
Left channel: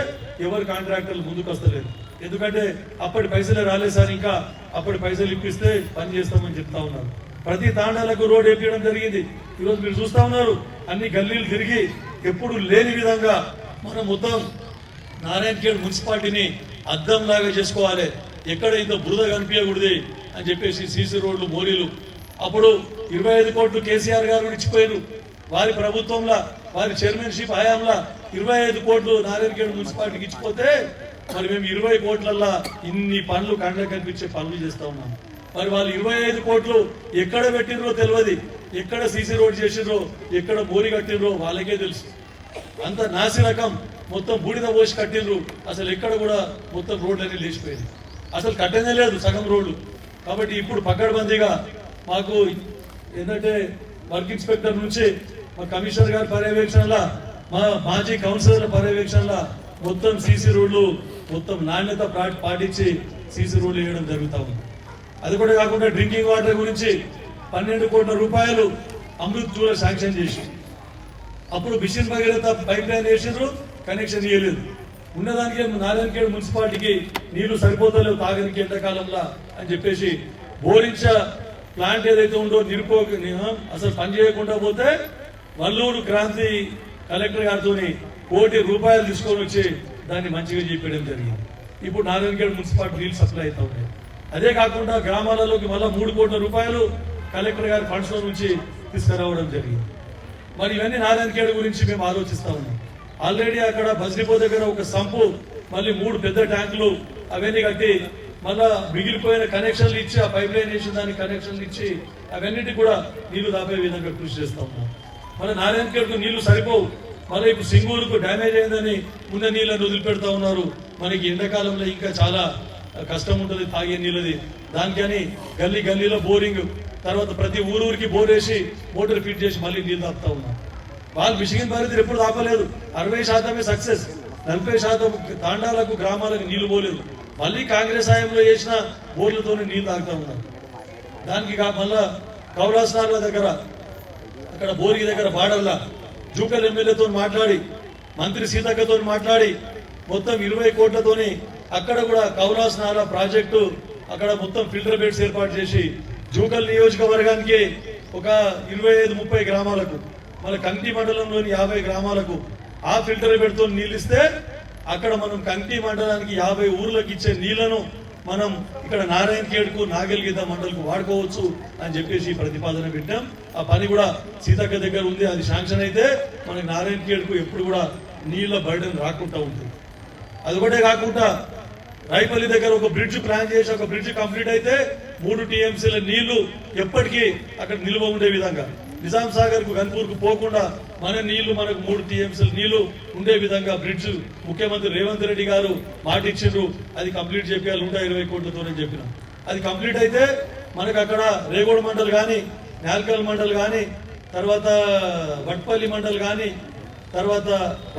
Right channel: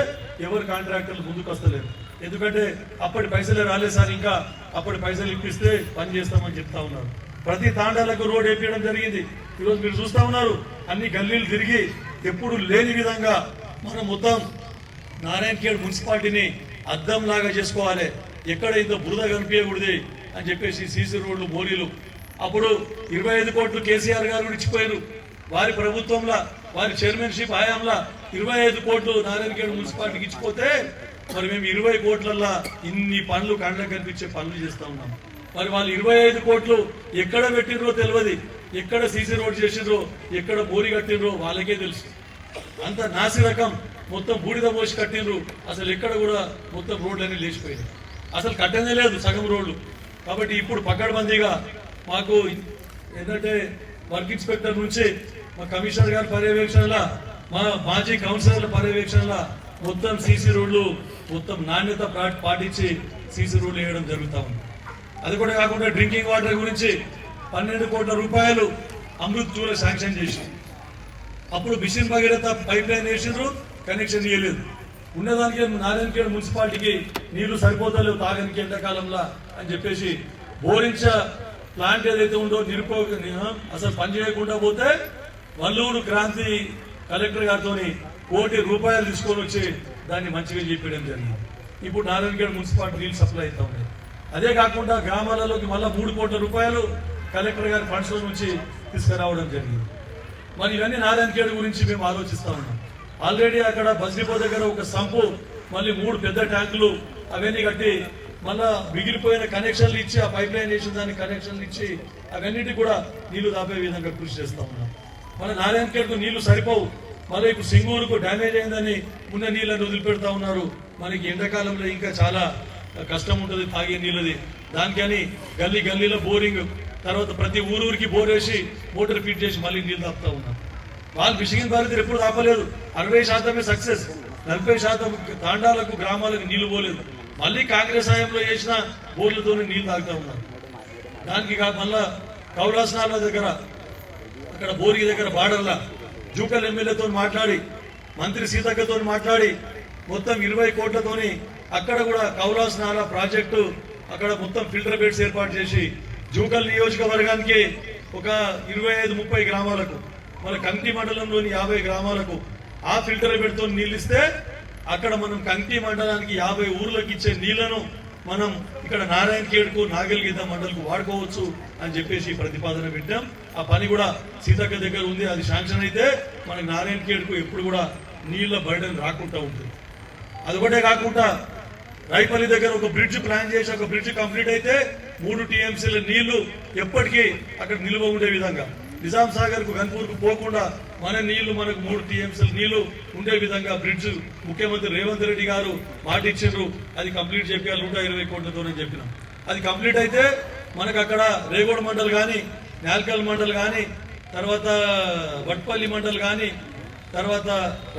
ఎవరు కాంట్రాక్టర్లు ముందుకు వస్తలేరు. ఎందుకంటే అప్పటి పైసలే రాలేదు సార్, ఇంకా అప్పటి పైసలు ఇప్పిస్తే పని చేస్తామని చెప్తా ఉన్నారు. ప్రతి తాండాలకు రోడ్ వేపించడం జరిగింది. ఈరోజు మీరు చూస్తా ఉన్నారు, అన్ని గల్లీలు తిరిగి ఎప్పుడు లేని విధంగా మనం మొత్తం నారాయణఖేడ్ మున్సిపాలిటీని అద్దంలాగా చేసుకోవాలి, ఎక్కడ ఇంత బురద కనిపించకూడదు అని చెప్పేసి సీసీ రోడ్లు మోరీలు అప్పుడు 25 కోట్లు కేసీఆర్ గారు ఇచ్చిపోయారు. వారి ప్రభుత్వంలో వారి చైర్మన్షిప్ హయాంలో 25 కోట్లు నారాయణఖేడ్ మున్సిపాలిటీకి ఇచ్చిపోతే మరి మేము 20 కోట్లల్లో ఇన్ని పనులు కండ్లకు కనిపించే పనులు చేస్తా ఉన్నాం. మరి వాళ్ళు 25 కోట్లు ఎక్కడ పెట్టినరో తెలియదు, ఎక్కడ సీసీ రోడ్ చేసినరో ఎక్కడ బోరి కట్టినరో వాళ్ళకే తెలుసు. అంత నాసి రకం మొత్తం బూడిద పోసి కట్టినరు. అసలు ఎక్కడ కూడా మొత్తం రోడ్లన్నీ లేచిపోయింది, అసలు కట్టనే లేదు సగం రోడ్లు. కాబట్టి ఇప్పుడు పకడ్బందీగా మాకు ఏంటంటే వర్క్ ఇన్స్పెక్టర్ నుంచి మా కమిషనర్ గారి పర్యవేక్షణలో మా మాజీ కౌన్సిలర్ల పర్యవేక్షణలో మొత్తం సీసీ రోడ్లు మొత్తం నాణ్యత పాటించి సీసీ రోడ్లు వేయడం జరుగుతూ ఉంది. అది కూడా కాకుండా డ్రింకింగ్ వాటర్ గురించి 12 కోట్ల రూపాయలు అమృత్ జూల శాంక్షన్ చేసి అప్పుడు మిషన్ భగీరథ పైప్ లైన్ వేసిండ్రు, కనెక్షన్ ఇవ్వలేదు. ఉన్నదానికి నారాయణఖేడ్ మున్సిపాలిటీకి నీళ్లు సరిపోతలేవు తాగడానికి ఎండాకాలంలో అని చెప్పేసి బోరించ ప్లాంట్ ఏదైతే ఉందో అసలు పని చేయకుండా పోతే వల్లూరు క్రాంతి కలెక్టర్ గారితో ₹1 కోటి తీసుకొని వచ్చి దాన్ని మంచిగా చెప్పడం జరిగింది. ఇప్పుడు నారాయణఖేడ్ మున్సిపాలిటీ నీళ్ళు సప్లై అవుతా ఉన్నాయి. అదే కాకుండా గ్రామాలలోకి మళ్ళీ ₹3 కోట్ల కలెక్టర్ గారి ఫండ్స్ నుంచి తీసుకురావడం జరిగింది. మరి ఇవన్నీ నారాయణఖేడ్ గురించి మేము ఆలోచిస్తా ఉన్నాం. ఆల్రెడీ అక్కడ బస్డిపో దగ్గర ఒక సంపు, మళ్ళీ 3 పెద్ద ట్యాంకులు అవన్నీ కట్టి మళ్ళా మిగిలిపోయిన కనెక్షన్లు ఇచ్చి ఆ పైప్ లైన్ వేసిన దానికి కనెక్షన్లు ఇచ్చి అవన్నిటి కూడా నీళ్లు దాపే విధంగా కృషి చేస్తూ ఉన్నారు. మళ్ళీ నారాయణఖేడ్కు నీళ్లు సరిపోవు. మళ్ళీ ఇప్పుడు సింగూరుకు డ్యామేజ్ అయిందని ఉన్న నీళ్ళని వదిలిపెడతా ఉన్నారు. మనకి ఎండాకాలంలో ఇంకా చాలా కష్టం ఉంటుంది తాగే నీళ్ళది. దానికని గల్లీలో బోరింగ్, తర్వాత ప్రతి ఊరికి బోర్ వేసి మోటార్ ఫిట్ చేసి మళ్ళీ నీళ్ళు తాపుతా ఉన్నారు. వాళ్ళు మిషగిన్ బాధితులు ఎప్పుడు ఆపలేదు. 60% సక్సెస్, 40% తాండాలకు గ్రామాలకు నీళ్లు పోలేదు. మళ్ళీ కాంగ్రెస్ హయాంలో చేసిన బోర్లతోనే నీళ్లు తాగుతూ ఉన్నారు. దానికి మళ్ళా కౌరాసనాల దగ్గర అక్కడ బోరి దగ్గర బార్డర్లా జూకల్ ఎమ్మెల్యేతో మాట్లాడి మంత్రి సీతక్కతో మాట్లాడి మొత్తం 20 కోట్లతోని అక్కడ కూడా కౌలాసనాల ప్రాజెక్టు అక్కడ మొత్తం ఫిల్టర్ బెడ్స్ ఏర్పాటు చేసి జూకల్ నియోజకవర్గానికి ఒక 25-30 గ్రామాలకు మన కంకి మండలంలోని 50 గ్రామాలకు ఆ ఫిల్టర్ బెడ్తో నీళ్ళు ఇస్తే అక్కడ మనం కంకి మండలానికి 50 ఊర్లకు ఇచ్చే నీళ్లను మనం ఇక్కడ నారాయణఖేడ్కు నాగల్గీత మండలకు వాడుకోవచ్చు అని చెప్పేసి ప్రతిపాదన పెట్టాం. ఆ పని కూడా సీతక్క దగ్గర ఉంది, అది శాంక్షన్ అయితే మనకి నారాయణఖేడ్కు ఎప్పుడు కూడా నీళ్ల బర్డెన్ రాకుండా ఉంటుంది. అది ఒకటే కాకుండా రైపల్లి దగ్గర ఒక బ్రిడ్జ్ ప్లాన్ చేసి ఒక బ్రిడ్జ్ కంప్లీట్ అయితే 3 TMCల నీళ్లు ఎప్పటికీ అక్కడ నిల్వ ఉండే విధంగా, నిజాం సాగర్ కు గన్పూర్ కు పోకుండా మన నీళ్లు మనకు 3 TMCల నీళ్లు ఉండే విధంగా బ్రిడ్జ్ ముఖ్యమంత్రి రేవంత్ రెడ్డి గారు మాట ఇచ్చిండ్రు. అది కంప్లీట్ చేయాలి 120 కోట్లతోనే చెప్పినాం. అది కంప్లీట్ అయితే మనకు అక్కడ రేగోడ్ మండల్ కానీ, నాల్కల్ మండల్ కానీ, తర్వాత వట్పల్లి మండల్ కానీ, తర్వాత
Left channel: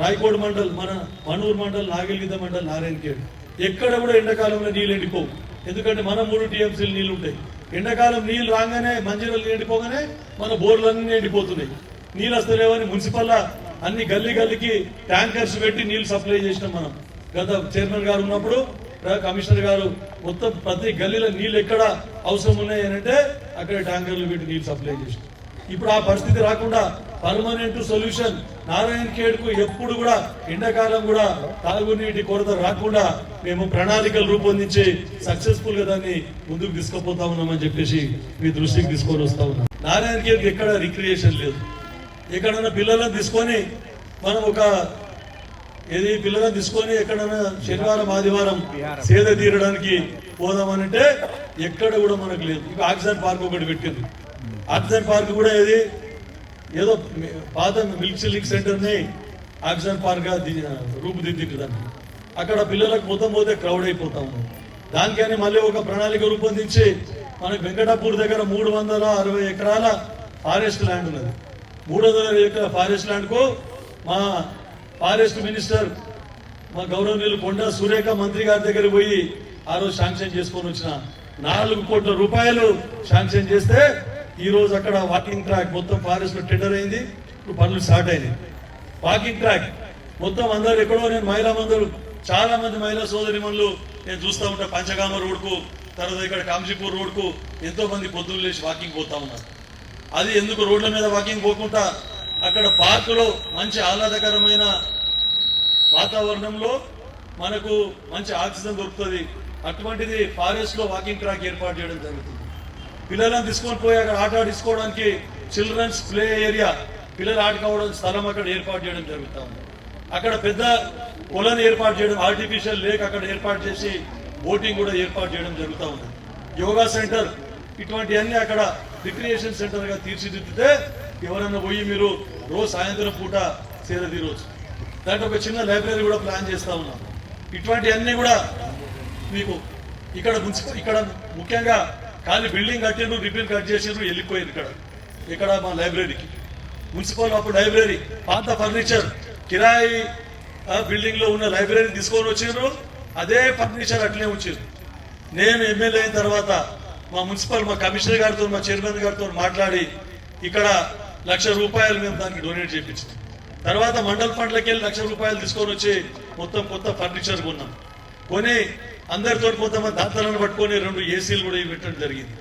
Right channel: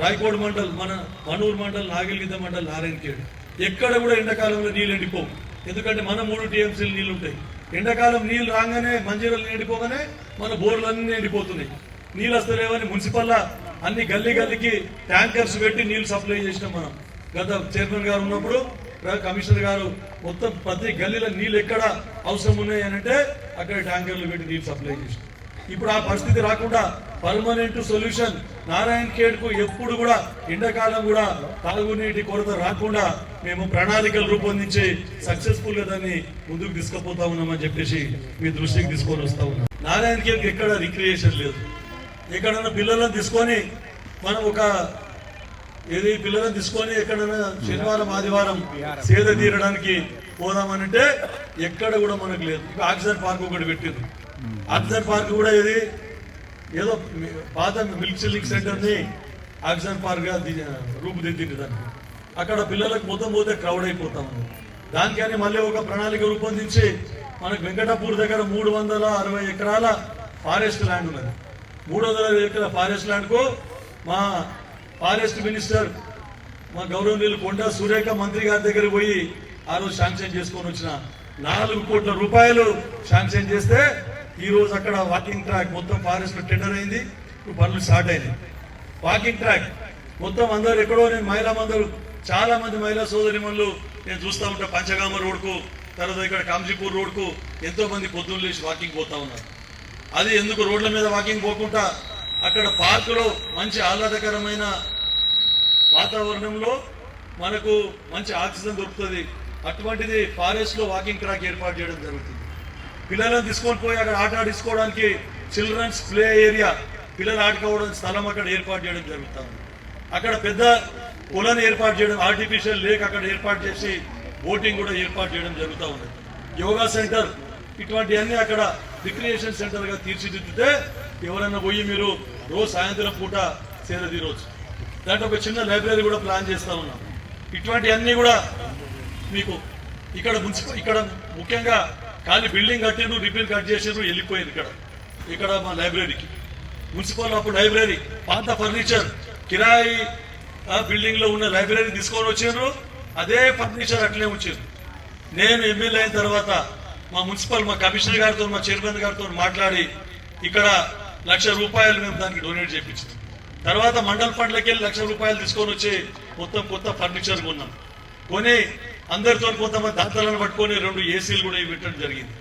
రాయకోడ్ మండల్, మన మనూరు మండల్, నాగిల్గిద్ద మండల్, నారాయణఖేడ్ ఎక్కడ కూడా ఎండాకాలంలో నీళ్ళు ఎండిపోవు. ఎందుకంటే మన 3 TMCలు నీళ్లు ఉంటాయి. ఎండాకాలం నీళ్లు రాగానే మంజీరాలు ఎండిపోగానే మన బోర్లన్నీ ఎండిపోతున్నాయి. నీళ్ళు వస్తలేవని మున్సిపల్ అన్ని గల్లీకి ట్యాంకర్స్ పెట్టి నీళ్లు సప్లై చేసినాం. మనం గత చైర్మన్ గారు ఉన్నప్పుడు కమిషనర్ గారు మొత్తం ప్రతి గల్లీలో నీళ్ళు ఎక్కడ అవసరం ఉన్నాయి అని అంటే అక్కడ ట్యాంకర్లు పెట్టి నీళ్లు సప్లై చేసినాం. ఇప్పుడు ఆ పరిస్థితి రాకుండా పర్మనెంట్ సొల్యూషన్ నారాయణఖేడ్కు ఎప్పుడు కూడా ఎండాకాలం కూడా తాగునీటి కొరత రాకుండా మేము ప్రణాళికలు రూపొందించి సక్సెస్ఫుల్ గా దాన్ని ముందుకు తీసుకుపోతా ఉన్నామని చెప్పేసి మీ దృష్టికి తీసుకొని వస్తా ఉన్నాం. నారాయణఖేడ్కి ఎక్కడ రిక్రియేషన్ లేదు. ఎక్కడైనా పిల్లలను తీసుకొని మనం పిల్లలను తీసుకొని ఎక్కడైనా శనివారం ఆదివారం సేద తీరడానికి పోదామనంటే ఎక్కడ కూడా మనకు లేదు. ఇక ఆక్సిజన్ పార్క్ ఒకటి పెట్టింది. ఆక్సిజన్ పార్క్ కూడా ఏదో పాత మిల్క్ సిల్లింగ్ సెంటర్ ని ఆక్సిజన్ పార్క్ గా రూపుదిద్దుదానికి అక్కడ పిల్లలకు మొత్తం పోతే క్రౌడ్ అయిపోతా ఉంది. దానికని మళ్ళీ ఒక ప్రణాళిక రూపొందించి మనకు వెంకటాపూర్ దగ్గర 360 ఎకరాల ఫారెస్ట్ ల్యాండ్ ఉన్నది. 360 ఎకరాల ఫారెస్ట్ ల్యాండ్ కు మా ఫారెస్ట్ మినిస్టర్ మా గౌరవనీయులు కొండా సురేఖ మంత్రి గారి దగ్గర పోయి ఆ రోజు శాంక్షన్ చేసుకొని వచ్చిన 4 కోట్ల రూపాయలు శాంక్షన్ చేస్తే ఈ రోజు అక్కడ వాకింగ్ ట్రాక్ మొత్తం ఫారెస్ట్ టెండర్ అయింది. ఇప్పుడు పనులు స్టార్ట్ అయినాయి. వాకింగ్ ట్రాక్ మొత్తం అందరూ ఎక్కడో, నేను మహిళా మందులు చాలా మంది మహిళా సోదరిమణులు నేను చూస్తూ ఉంటా, పంచగామ రోడ్కు, తర్వాత ఇక్కడ కాంజీపూర్ రోడ్కు ఎంతో మంది పొద్దున్న లేచి వాకింగ్ పోతా ఉన్నారు. అది ఎందుకు రోడ్ల మీద వాకింగ్ పోకుండా అక్కడ పార్కులో మంచి ఆహ్లాదకరమైన వాతావరణంలో మనకు మంచి ఆక్సిజన్ దొరుకుతుంది. అటువంటిది ఫారెస్ట్ లో వాకింగ్ ట్రాక్ ఏర్పాటు చేయడం జరుగుతుంది. పిల్లలను తీసుకొని పోయి అక్కడ ఆట ఆడించుకోవడానికి చిల్డ్రన్స్ ప్లే ఏరియా, పిల్లలు ఆడుకోవడానికి స్థలం అక్కడ ఏర్పాటు చేయడం జరుగుతుంది. అక్కడ పెద్ద పొలను ఏర్పాటు చేయడం, ఆర్టిఫిషియల్ లేక్ అక్కడ ఏర్పాటు చేసి బోటింగ్ కూడా ఏర్పాటు చేయడం జరుగుతూ ఉంది. యోగా సెంటర్, ఇటువంటివన్నీ అక్కడ రిక్రియేషన్ సెంటర్ గా తీర్చిదిద్దితే ఎవరన్నా పోయి మీరు రోజు సాయంత్రం పూట సేద తీరవచ్చు. దాంట్లో ఒక చిన్న లైబ్రరీ కూడా ప్లాన్ చేస్తా ఉన్నాం. ఇటువంటివన్నీ కూడా మీకు ఇక్కడ ముఖ్యంగా ఖాళీ బిల్డింగ్ కట్టిండ్రు, రిపేర్ కట్ చేసిండ్రు, వెళ్ళిపోయింది. ఇక్కడ మా లైబ్రరీకి మున్సిపల్ అప్పుడు లైబ్రరీ పాత ఫర్నిచర్ కిరాయి బిల్డింగ్ లో ఉన్న లైబ్రరీ తీసుకొని వచ్చిండ్రు, అదే ఫర్నిచర్ అట్లే ఉంచిండ్రు. నేను ఎమ్మెల్యే అయిన తర్వాత మా మున్సిపల్, మా కమిషనర్ గారితో, మా చైర్మన్ గారితో మాట్లాడి ఇక్కడ ₹1,00,000 మేము దానికి డొనేట్ చేయించాం. తర్వాత మండల ఫండ్లకి వెళ్ళి ₹1,00,000 తీసుకొని వచ్చి మొత్తం కొత్త ఫర్నిచర్ కొన్నాం. కొని అందరితో కొంతమంది దాతలను పట్టుకొని 2 ఏసీలు కూడా పెట్టడం జరిగింది.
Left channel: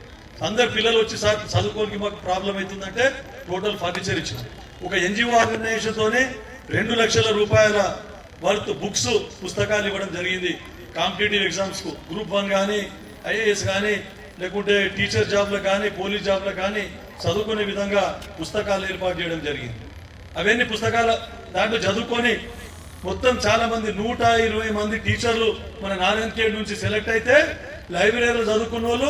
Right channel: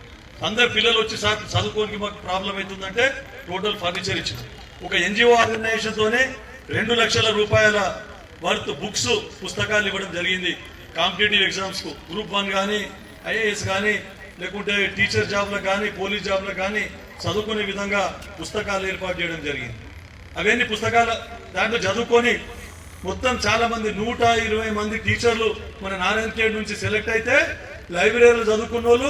అందరు పిల్లలు వచ్చి సార్ చదువుకోనికి మాకు ప్రాబ్లం అవుతుందంటే టోటల్ ఫర్నిచర్ ఇచ్చింది. ఒక ఎన్జిఓ ఆర్గనైజేషన్ తోనే ₹2,00,000 వర్త్ బుక్స్, పుస్తకాలు ఇవ్వడం జరిగింది. కాంపిటేటివ్ ఎగ్జామ్స్ కు గ్రూప్ 1 కానీ, ఐఏఎస్ కానీ, లేకుంటే టీచర్ జాబ్లకు కానీ, పోలీస్ జాబ్లకు కానీ చదువుకునే విధంగా పుస్తకాలు ఏర్పాటు చేయడం జరిగింది. అవన్నీ పుస్తకాల దాంట్లో చదువుకొని మొత్తం చాలా మంది 120 మంది టీచర్లు మన నారాయణఖేడ్ నుంచి సెలెక్ట్ అయితే లైబ్రరీలో చదువుకున్న వాళ్ళు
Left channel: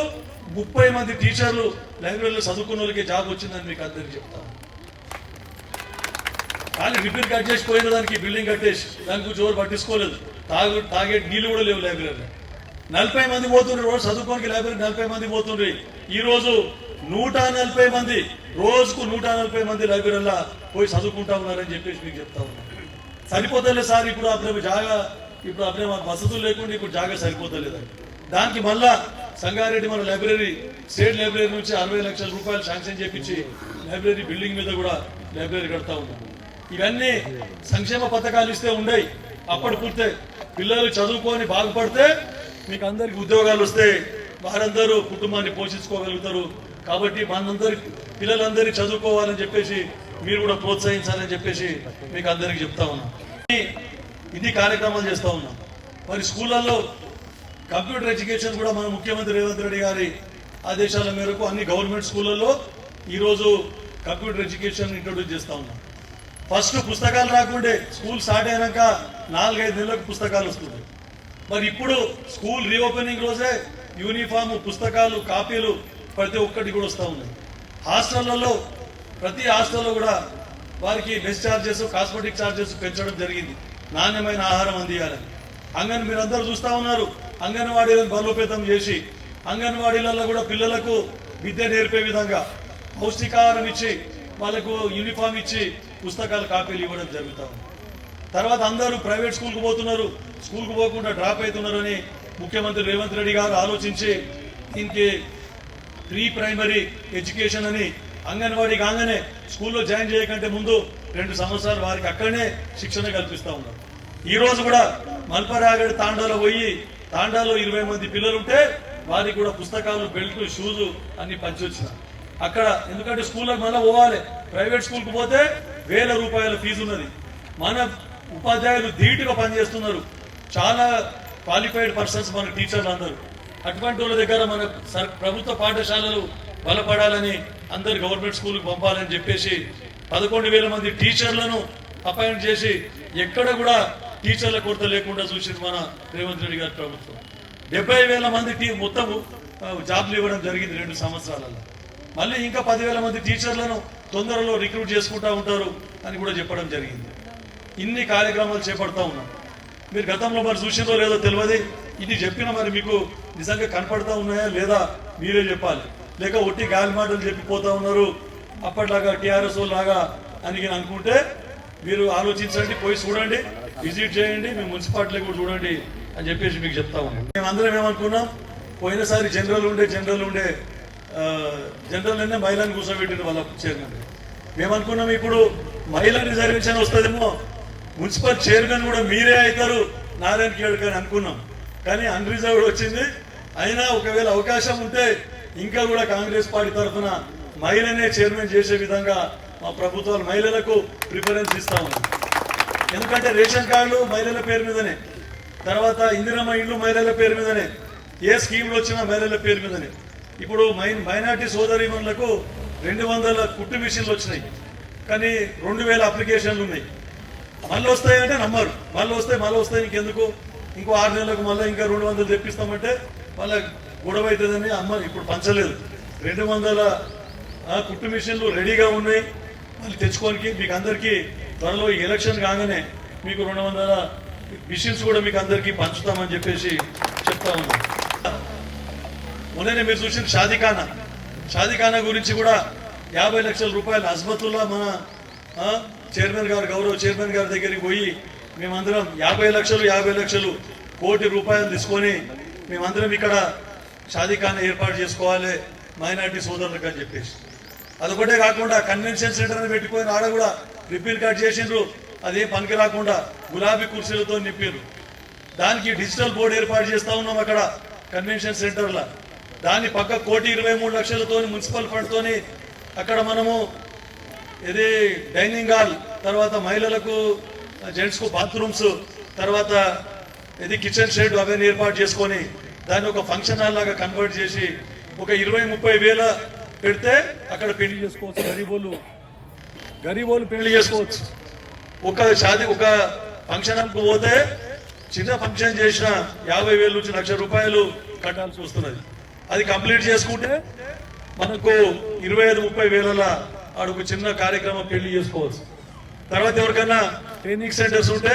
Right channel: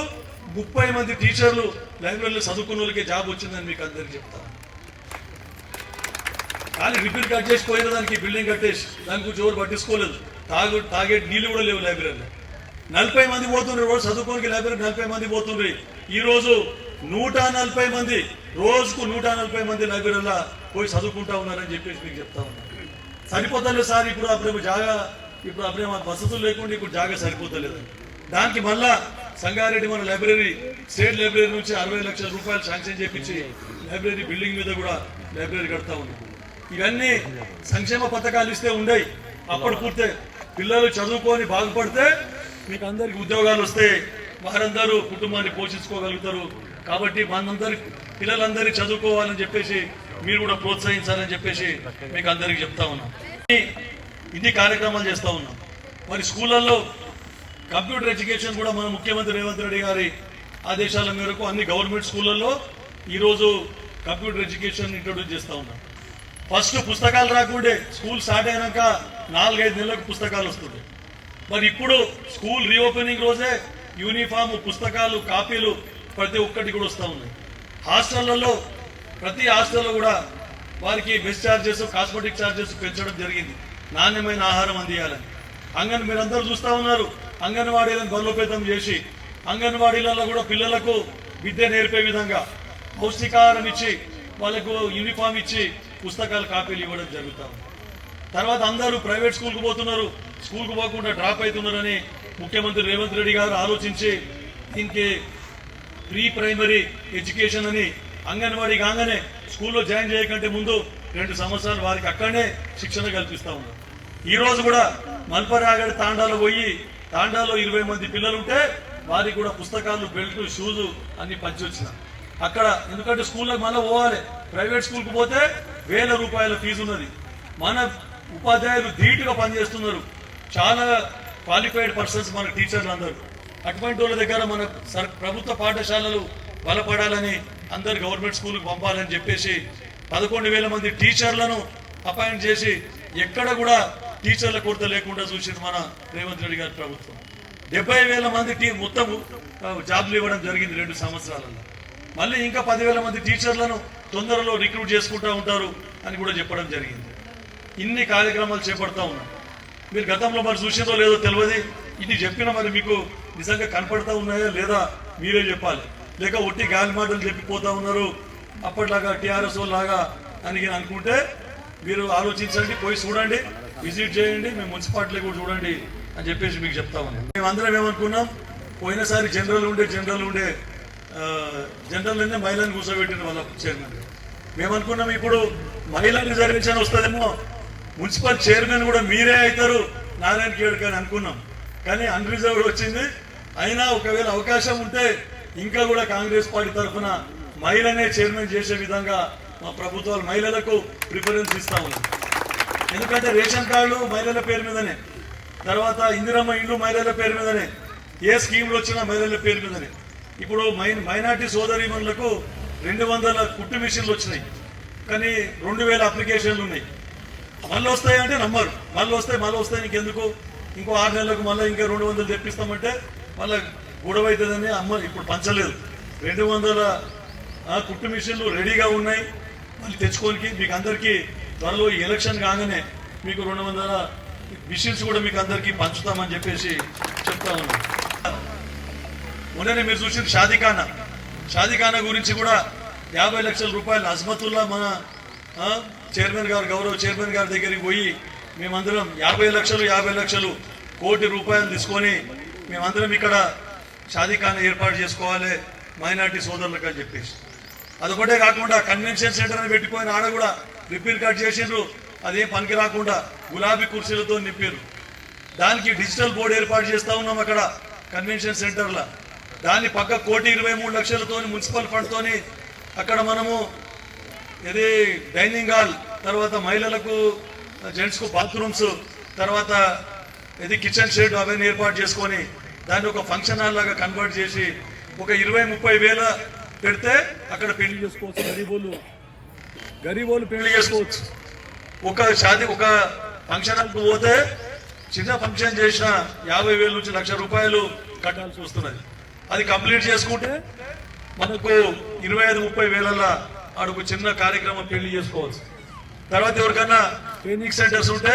30 మంది టీచర్లు లైబ్రరీలో చదువుకున్న వాళ్ళకి జాబ్ వచ్చిందని మీకు అందరికీ చెప్తాను. కానీ రిపేర్ కట్ చేసి పోయిన దానికి బిల్డింగ్ కట్టేసి దానికి జోరు పట్టించుకోలేదు. తాగే నీళ్లు కూడా లేవు లైబ్రరీలో. 40 మంది పోతుండ్రు రోజు చదువుకోనికి లైబ్రరీ, 40 మంది పోతుండ్రు. ఈ రోజు 140 మంది, రోజుకు 140 మంది లైబ్రరీలో పోయి చదువుకుంటా ఉన్నారని చెప్పేసి మీకు చెప్తా ఉన్నారు. సరిపోతలేదు సార్, ఇప్పుడు అప్పుడే మాకు వసతులు లేకుండా ఇప్పుడు జాగా సరిపోతలేదు. దానికి మళ్ళా సంగారెడ్డి మన లైబ్రరీ, స్టేట్ లైబ్రరీ నుంచి ₹60 లక్షల శాంక్షన్ చేపించి లైబ్రరీ బిల్డింగ్ మీద కూడా లైబ్రరీ కడతా ఉన్నారు. ఇవన్నీ సంక్షేమ పథకాలు ఇస్తే ఉండయి, అప్పుడు పూర్తే పిల్లలు చదువుకొని బాగుపడితే మీకు అందరికి ఉద్యోగాలు వస్తాయి, వారందరూ కుటుంబాన్ని పోషించుకోగలుగుతారు. కాబట్టి మనందరి పిల్లలందరినీ చదువుకోవాలని చెప్పేసి మీరు కూడా ప్రోత్సహించాలని చెప్పేసి మీకు అందరికీ చెప్తా ఉన్నాం. ఇది కార్యక్రమాలు చేస్తా ఉన్నాం. మరి స్కూళ్ళల్లో కంప్యూటర్ ఎడ్యుకేషన్ కూడా మన ముఖ్యమంత్రి రేవంత్ రెడ్డి గారి ఆదేశాల మేరకు అన్ని గవర్నమెంట్ స్కూళ్ళల్లో ఈరోజు కంప్యూటర్ ఎడ్యుకేషన్ ఇంట్రొడ్యూస్ చేస్తా ఉన్నాం. ఫస్ట్ పుస్తకాలు రాకుండే, స్కూల్ స్టార్ట్ అయినాక 4-5 నెలలకు పుస్తకాలు వస్తుంది. మరి ఇప్పుడు స్కూల్ రీఓపెనింగ్ రోజే యూనిఫామ్, పుస్తకాలు, కాపీలు ప్రతి ఒక్కటి కూడా వస్తూ ఉన్నాయి. హాస్టళ్లలో ప్రతి హాస్టల్లో కూడా వారికి మెస్ ఛార్జెస్, కాస్మెటిక్ ఛార్జెస్ పెంచడం జరిగింది, నాణ్యమైన ఆహారం అందియాలని. మీరందరూ చూస్తా ఉన్నారు, అంగన్వాడీలను బలోపేతం చేసి అంగన్వాడీలలో కూడా పిల్లలకు విద్య నేర్పే విధంగా పౌష్టికాహారం ఇచ్చి వాళ్ళకు యూనిఫామ్ ఇచ్చి పుస్తకాలు, కాపీలు ఇవ్వడం జరుగుతుంది. తర్వాత అందరూ ప్రైవేట్ స్కూల్కు పోతున్నారు, స్కూల్కు పోకుండా డ్రాప్ అవుతున్నారని ముఖ్యమంత్రి రేవంత్ రెడ్డి గారు ఆలోచించి దీనికి ప్రీ ప్రైమరీ ఎడ్యుకేషన్ అని అంగన్వాడీ కాగానే స్కూల్లో జాయిన్ చేయకంటే ముందు 2 సంవత్సరాలు వారికి అక్కడనే శిక్షణ కల్పిస్తా ఉన్నారు. ఈ రోజు కూడా మల్పరాగడి తాండాలో పోయి, తాండాలో 20 మంది పిల్లలుంటే వారికి కూడా పుస్తకాలు, బెల్ట్, షూజు అన్ని పంచి వచ్చిన అక్కడ. ఎందుకంటే స్కూళ్ళకి మళ్ళీ పోవాలి, ప్రైవేట్ స్కూల్కి పోతే ₹1,000 ఫీజు ఉన్నది. మన ఉపాధ్యాయులు ధీటుగా పనిచేస్తున్నారు, చాలా క్వాలిఫైడ్ పర్సన్స్ మన టీచర్లు అందరూ. అటువంటి వాళ్ళ దగ్గర మన ప్రభుత్వ పాఠశాలలు బలపడాలని, అందరు గవర్నమెంట్ స్కూల్కి పంపాలని చెప్పేసి 11,000 మంది టీచర్లను అపాయింట్ చేసి ఎక్కడ కూడా టీచర్ల కొరత లేకుండా చూసి మన రేవంత్ రెడ్డి గారి ప్రభుత్వం 70,000 మందికి మొత్తం జాబ్లు ఇవ్వడం జరిగింది 2 సంవత్సరాలలో. మళ్ళీ ఇంకా 10,000 మంది టీచర్లను తొందరలో రిక్రూట్ చేసుకుంటా ఉంటారు అని కూడా చెప్పడం జరిగింది. ఇన్ని కార్యక్రమాలు చేపడతా ఉన్నాం. మీరు గతంలో మరి చూసిందో లేదో తెలియదు, ఇది చెప్పిన మరి మీకు నిజంగా కనపడతా ఉన్నాయా లేదా మీరే చెప్పాలి. లేక ఒట్టి గాలి మాటలు చెప్పిపోతా ఉన్నారు అప్పట్లాగా టీఆర్ఎస్ లాగా అని అనుకుంటే మీరు ఆలోచించండి, పోయి చూడండి, విజిట్ చేయండి, మీ మున్సిపాలిటీ కూడా చూడండి అని చెప్పేసి మీకు చెప్తాము. మేమందరం ఏమనుకున్నాం, పోయినసారి జనరల్ ఉండే జనరల్ నిన్న మహిళను కూర్చోబెట్టిన వాళ్ళ చైర్మన్. మేము అనుకున్నాం ఇప్పుడు మహిళా రిజర్వేషన్ వస్తుందేమో, మున్సిపల్ చైర్మన్ కూడా మీరే అవుతారు నారాయణ ఖేడ్ అని అనుకున్నాం. కానీ అన్రిజర్వ్డ్ వచ్చింది. అయినా ఒకవేళ అవకాశం ఉంటే ఇంకా కూడా కాంగ్రెస్ పార్టీ తరఫున మహిళనే చైర్మన్ చేసే విధంగా మా ప్రభుత్వాలు మహిళలకు ప్రిఫరెన్స్ ఇస్తా ఉంది. ఎందుకంటే రేషన్ కార్డులు మహిళల పేరు మీదనే, తర్వాత ఇందిరమ్మ ఇళ్ళు మహిళల పేరు మీదనే, ఏ స్కీమ్లు వచ్చినా మహిళల పేరు మీదనే. ఇప్పుడు మైనార్టీ సోదరీమణులకు 200 కుట్టు మిషన్లు వచ్చినాయి, కానీ 2000 అప్లికేషన్లు ఉన్నాయి. మళ్ళీ వస్తాయంటే నమ్మరు. మళ్ళీ వస్తాయి ఇంకెందుకు, ఇంకో 6 నెలలకు మళ్ళీ ఇంకా 200 తెప్పిస్తామంటే మళ్ళీ గొడవ అవుతుందని అమ్మరు. ఇప్పుడు పంచలేదు. 200 కుట్టు మిషన్లు రెడీగా ఉన్నాయి. మళ్ళీ తెచ్చుకోనికి మీకు అందరికీ త్వరలో ఎలక్షన్ కాగానే మీకు 200 మిషన్స్ కూడా మీకు అందరికీ పంచుతామని చెప్పేసి చెప్తా ఉన్నాం. మొన్ననే మీరు చూసిన షాదీఖానా గురించి కూడా 50 లక్షల రూపాయలు అజ్మతుల్లా మన చైర్మన్ గారు, గౌరవ చైర్మన్ గారి దగ్గరికి పోయి మేమందరం 50 లక్షలు కోటి రూపాయలు తీసుకొని మేమందరం ఇక్కడ షాదీఖానా ఏర్పాటు చేసుకోవాలి మైనార్టీ సోదరులకు అని చెప్పేసి. అదొకటే కాకుండా కన్వెన్షన్ సెంటర్ అని పెట్టుకొని ఆడ కూడా రిపేర్ కట్ చేసిండ్రు. అదేం పనికి రాకుండా గులాబీ కుర్చీలతో నింపారు. దానికి డిజిటల్ బోర్డు ఏర్పాటు చేస్తా ఉన్నాం అక్కడ కన్వెన్షన్ సెంటర్లో. దాన్ని పక్క 1,23,00,000తో మున్సిపల్ ఫండ్ తోని అక్కడ మనము ఇది డైనింగ్ హాల్, తర్వాత మహిళలకు జెంట్స్ కు బాత్రూమ్స్, తర్వాత ఇది కిచెన్ షెడ్ అవన్నీ ఏర్పాటు చేసుకొని దాన్ని ఒక ఫంక్షన్ హాల్ లాగా కన్వర్ట్ చేసి ఒక 20-30 వేల పెడితే అక్కడ పెళ్లి చేసుకోవచ్చు. గరీబోలు పెళ్లి చేసుకోవచ్చు. ఒక ఫంక్షన్ హాల్కు పోతే చిన్న ఫంక్షన్ చేసిన 50,000 నుంచి 1,00,000 రూపాయలు కట్టాల్సి వస్తున్నది. అది కంప్లీట్ చేసుకుంటే మనకు 25-30 వేల అడుగు చిన్న కార్యక్రమం పెళ్లి చేసుకోవచ్చు. తర్వాత ఎవరికైనా ట్రైనింగ్ సెంటర్స్ ఉంటే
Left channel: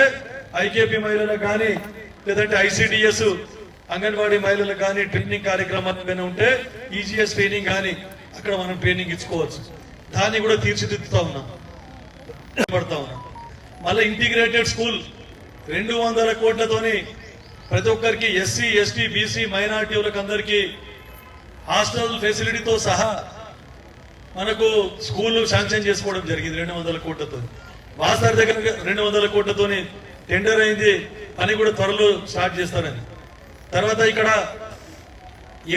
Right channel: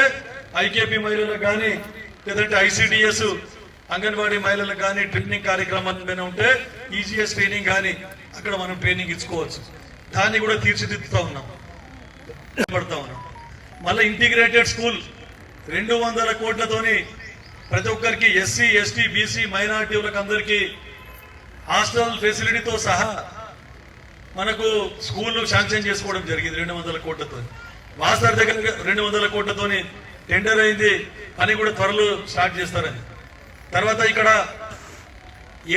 ఐకేపీ మహిళలకు కానీ లేదంటే ICDS అంగన్వాడీ మహిళలకు కానీ ట్రైనింగ్ కార్యక్రమాలు ఏమైనా ఉంటే ఈజీఎస్ ట్రైనింగ్ కానీ అక్కడ మనం ట్రైనింగ్ ఇచ్చుకోవచ్చు. దాన్ని కూడా తీర్చిదిద్దుతా ఉన్నాం. మళ్ళీ ఇంటిగ్రేటెడ్ స్కూల్ 200 కోట్లతోని ప్రతి ఒక్కరికి SC, ST, BC మైనారిటీలకు అందరికీ హాస్టల్ ఫెసిలిటీతో సహా మనకు స్కూల్ శాంక్షన్ చేసుకోవడం జరిగింది 200 కోట్లతో. వాసార్ దగ్గర 200 కోట్లతోని టెండర్ అయింది. పని కూడా త్వరలో స్టార్ట్ చేస్తారని. తర్వాత ఇక్కడ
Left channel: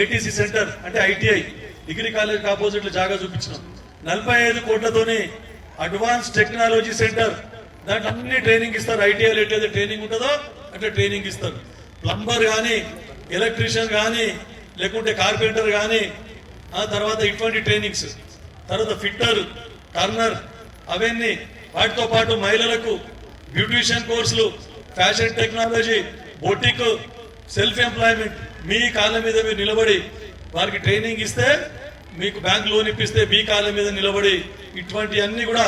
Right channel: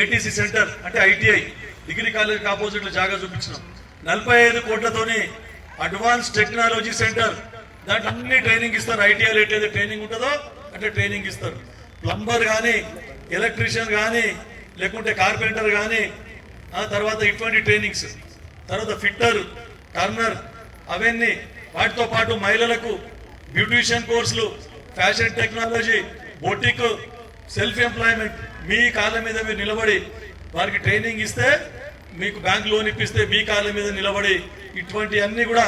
ATC సెంటర్ అంటే ITI డిగ్రీ కాలేజ్ ఆపోజిట్ జాగా చూపించినాం. 45 కోట్లతోని అడ్వాన్స్ టెక్నాలజీ సెంటర్, దాంట్లో అన్ని ట్రైనింగ్ ఇస్తారు. ITIలో ఎట్లయితే ట్రైనింగ్ ఉంటుందో అట్లా ట్రైనింగ్ ఇస్తారు. ప్లంబర్ కానీ, ఎలక్ట్రీషియన్ కానీ, లేకుంటే కార్పెంటర్ కానీ, తర్వాత ఇటువంటి ట్రైనింగ్స్, తర్వాత ఫిట్టర్, టర్నర్ అవన్నీ. వాటితో పాటు మహిళలకు బ్యూటిషియన్ కోర్సులు, fashion technology, boutique, self employment, మీ కాళ్ళ మీద మీరు నిలబడి వారికి ట్రైనింగ్ ఇస్తే మీకు బ్యాంక్ లోన్ ఇప్పిస్తే మీ కాళ్ళ మీద నిలబడి ఇటువంటి అన్ని కూడా